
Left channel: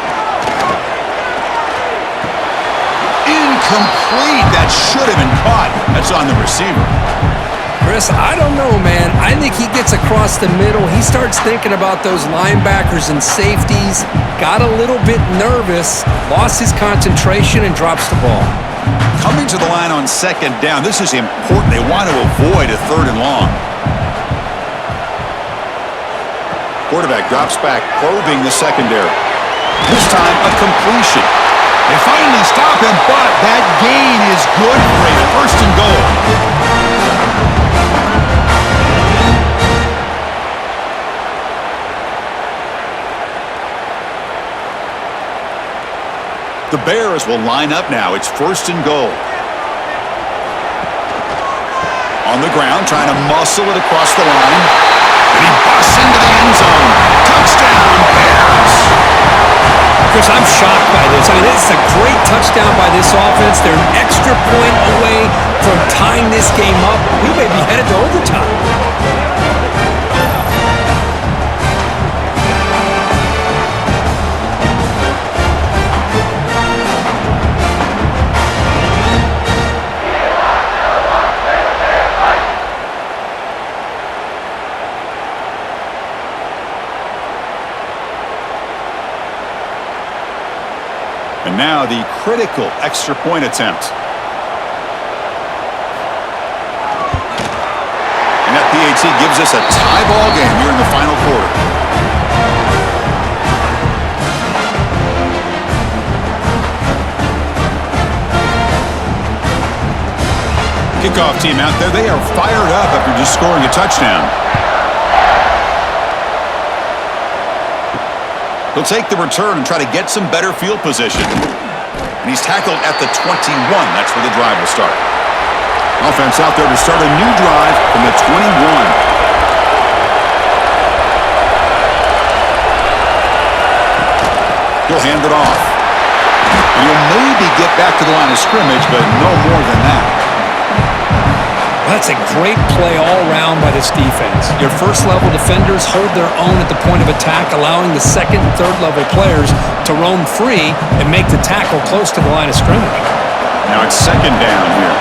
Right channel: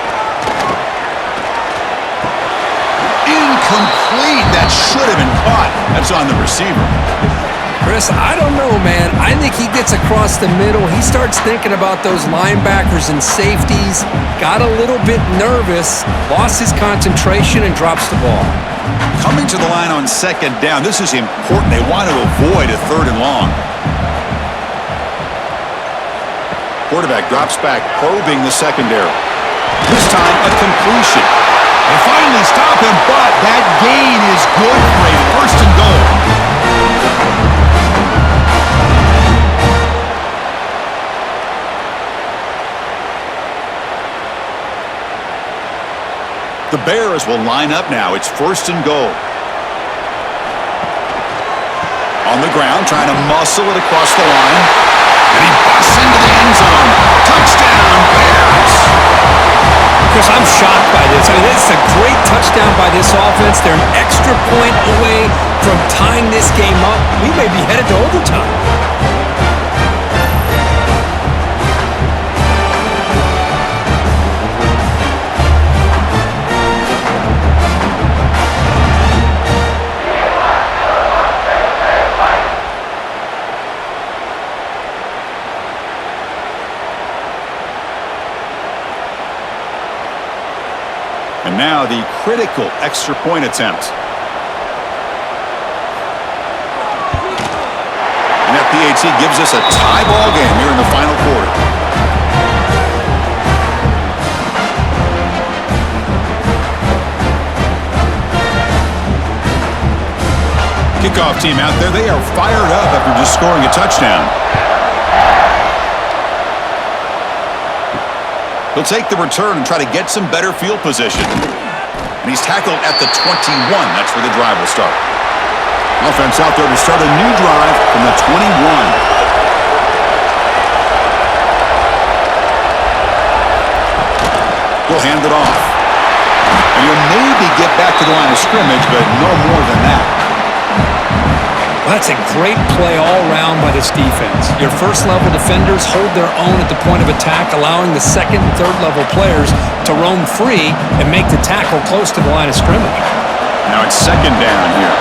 Incomplete. That should have been caught. That's on the receiver. Chris, I don't know, man. I think he gets across the middle. He starts thinking about those linebackers and safeties. Got a little bit nervous, lost his concentration, and drops the ball. Coming to the line on 2nd down. This is important. They want to avoid a 3rd and long. Quarterback drops back, probing the secondary. This time, a completion. They finally stop him, but that gain is good for a 1st and goal. The Bears will line up now. It's 1st and goal. On the ground, trying to muscle it across the line. And he busts into the end zone. Touchdown, Bears! Chris, I'm shocked by this. I mean, this is a great touchdown by this offense. They're an extra point away from tying this game up. We may be headed to overtime. And now the critical extra point attempt. And that PAT gives us a tie ball game here in the final quarter. Kickoff team out there, they are fired up after just scoring a touchdown. He'll take the return and try to get some better field position. And he's tackled at the 21. That's where the drive will start. Offense out there to start a new drive from the 21. He'll hand it off. And he'll maybe get back to the line of scrimmage, but no more than that. Well, that's a great play all around by this defense. Your first-level defenders hold their own at the point of attack, allowing the second and third-level players to roam free and make the tackle close to the line of scrimmage. Now it's 2nd down here.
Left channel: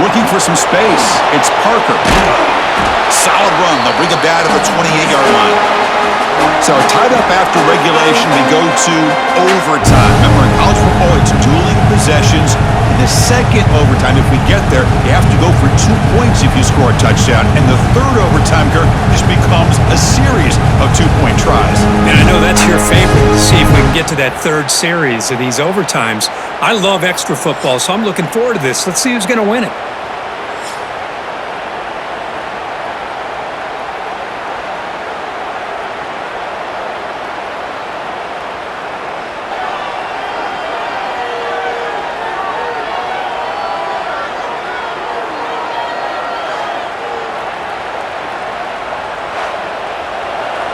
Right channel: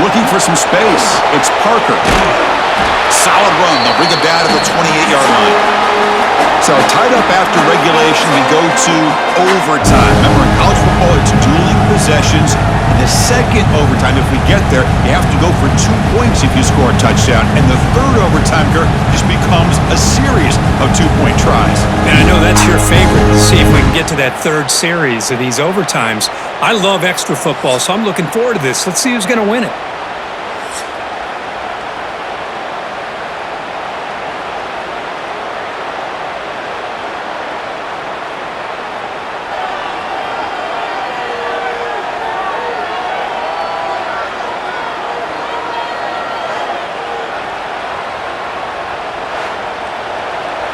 Looking for some space. It's Parker. Solid run. They'll bring it down to the 28-yard line. So tied up after regulation, we go to overtime. Remember, in college football, it's dueling possessions. In the second overtime, if we get there, you have to go for 2 points if you score a touchdown. And the third overtime, Kirk, just becomes a series of 2-point tries. And I know that's your favorite, to see if we can get to that third series of these overtimes. I love extra football, so I'm looking forward to this. Let's see who's going to win it.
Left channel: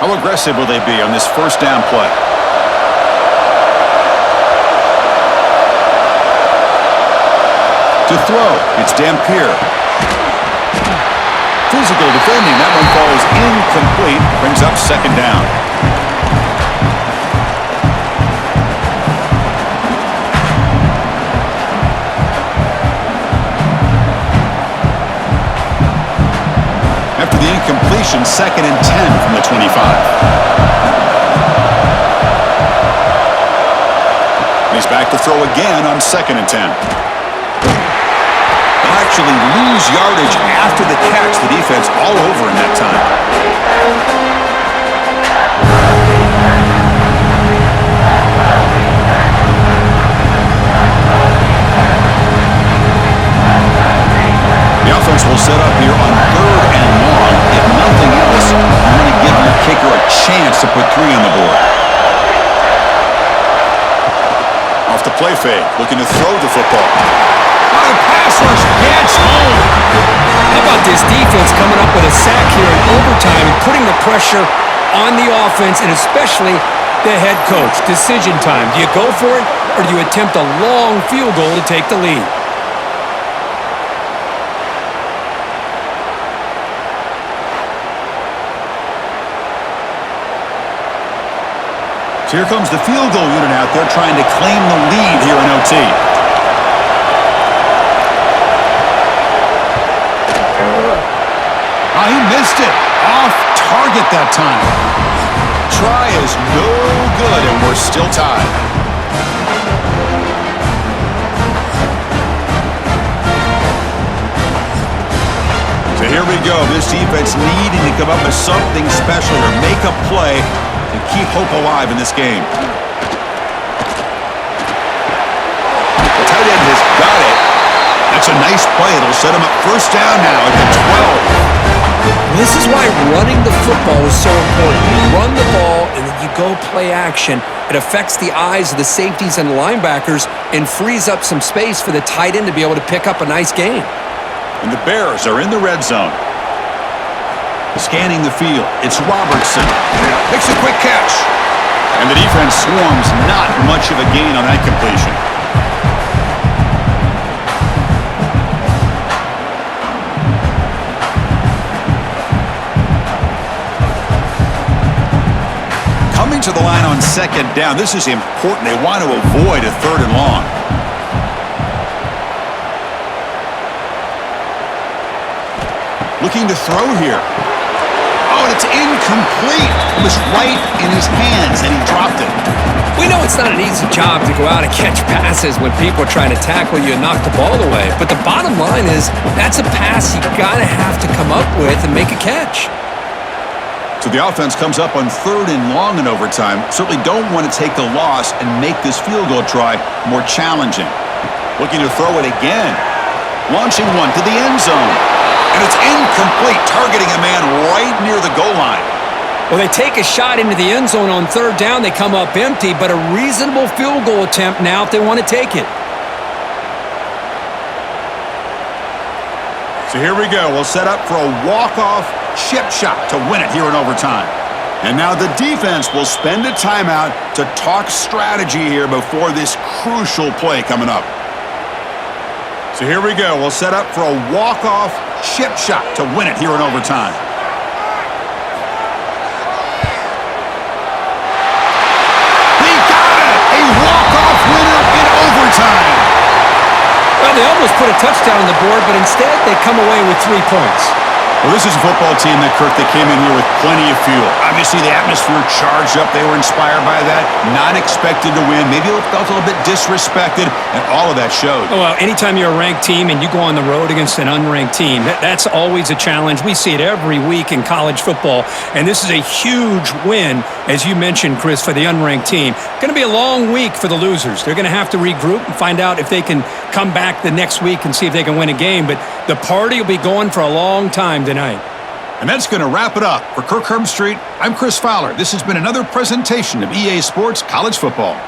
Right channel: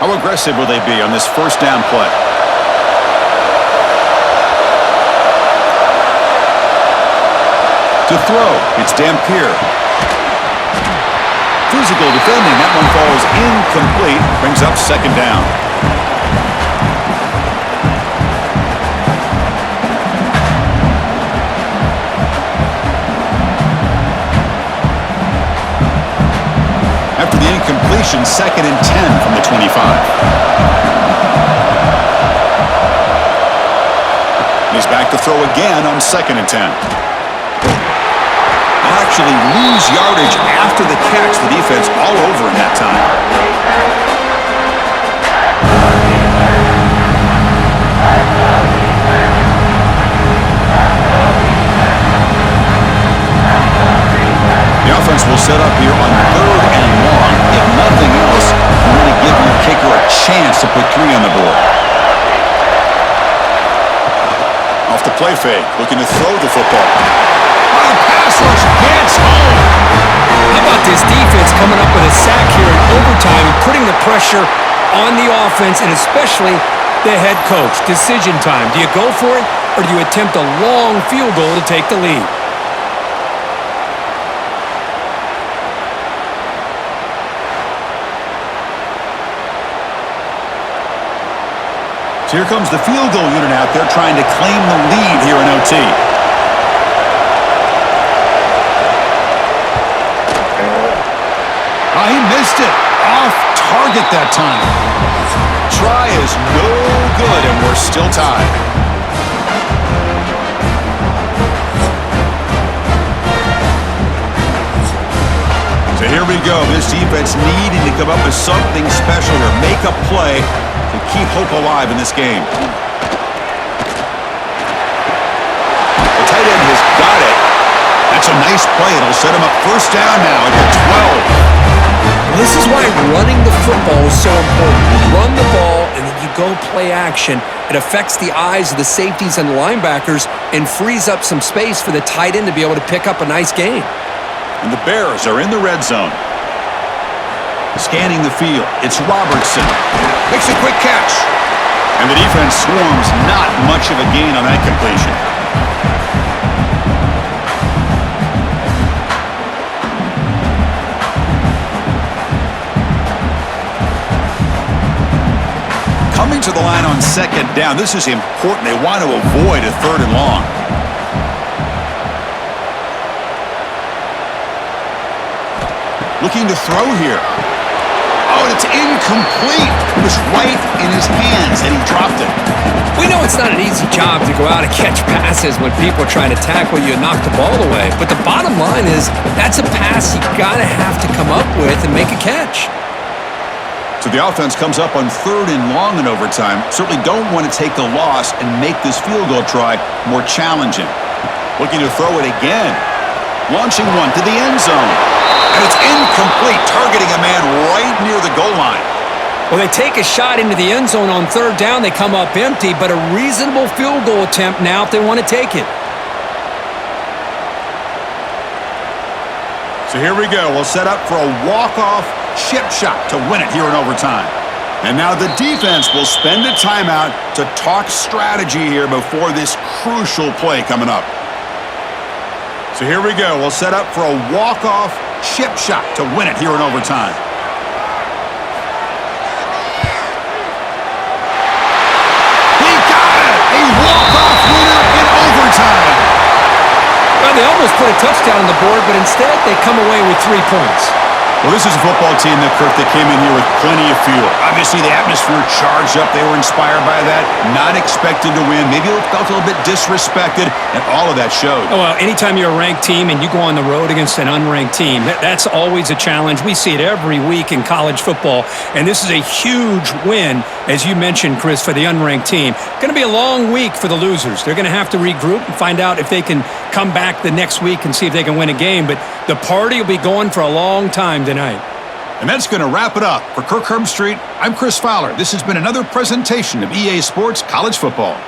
How aggressive will they be on this 1st down play? To throw, it's Dampier. Physical defending. That one falls incomplete. Brings up second down. After the incompletion, 2nd and 10 from the 25. And he's back to throw again on 2nd and 10. They'll actually lose yardage after the catch. The defense all over in that time. The offense will set up here on 3rd and long. If nothing else, you want to give your kicker a chance to put 3 on the board. Off the play fake, looking to throw the football. Oh, the pass rush gets home. How about this defense coming up with a sack here in overtime and putting the pressure on the offense and especially the head coach? Decision time. Do you go for it or do you attempt a long field goal to take the lead? So here comes the field goal unit out there trying to claim the lead here in OT. Oh, he missed it. Off target that time. Try is no good, and we're still tied. So here we go. This defense needing to come up with something special here. Make a play to keep hope alive in this game. The tight end has got it. That's a nice play. It'll set him up first down now at the 12. Well, this is why running the football is so important. You run the ball and then you go play action. It affects the eyes of the safeties and the linebackers and frees up some space for the tight end to be able to pick up a nice gain. And the Bears are in the red zone. Scanning the field, it's Robertson. Makes a quick catch. And the defense swarms, not much of a gain on that completion. Coming to the line on 2nd down, this is important. They want to avoid a 3rd and long. Looking to throw here. Oh, and it's incomplete. It was right in his hands, and he dropped it. We know it's not an easy job to go out and catch passes when people are trying to tackle you and knock the ball away. But the bottom line is that's a pass you gotta have to come up with and make a catch. So the offense comes up on 3rd and long in overtime. Certainly don't want to take the loss and make this field goal try more challenging. Looking to throw it again. Launching one to the end zone. And it's incomplete, targeting a man right near the goal line. Well, they take a shot into the end zone on 3rd down. They come up empty, but a reasonable field goal attempt now if they want to take it. So here we go. We'll set up for a walk-off chip shot to win it here in overtime. And now the defense will spend a timeout to talk strategy here before this crucial play coming up. So here we go. We'll set up for a walk-off chip shot to win it here in overtime. He got it! A walk-off winner in overtime. Well, they almost put a touchdown on the board, but instead they come away with 3 points. Well, this is a football team that came in here with plenty of fuel. Obviously, the atmosphere charged up. They were inspired by that. Not expected to win. Maybe felt a little bit disrespected, and all of that showed. Oh, well, anytime you're a ranked team and you go on the road against an unranked team, that's always a challenge. We see it every week in college football, and this is a huge win, as you mentioned, Chris, for the unranked team. Going to be a long week for the losers. They're going to have to regroup and find out if they can come back the next week and see if they can win a game, but the party will be going for a long time tonight. And that's going to wrap it up. For Kirk Herbstreit, I'm Chris Fowler. This has been another presentation of EA Sports College Football.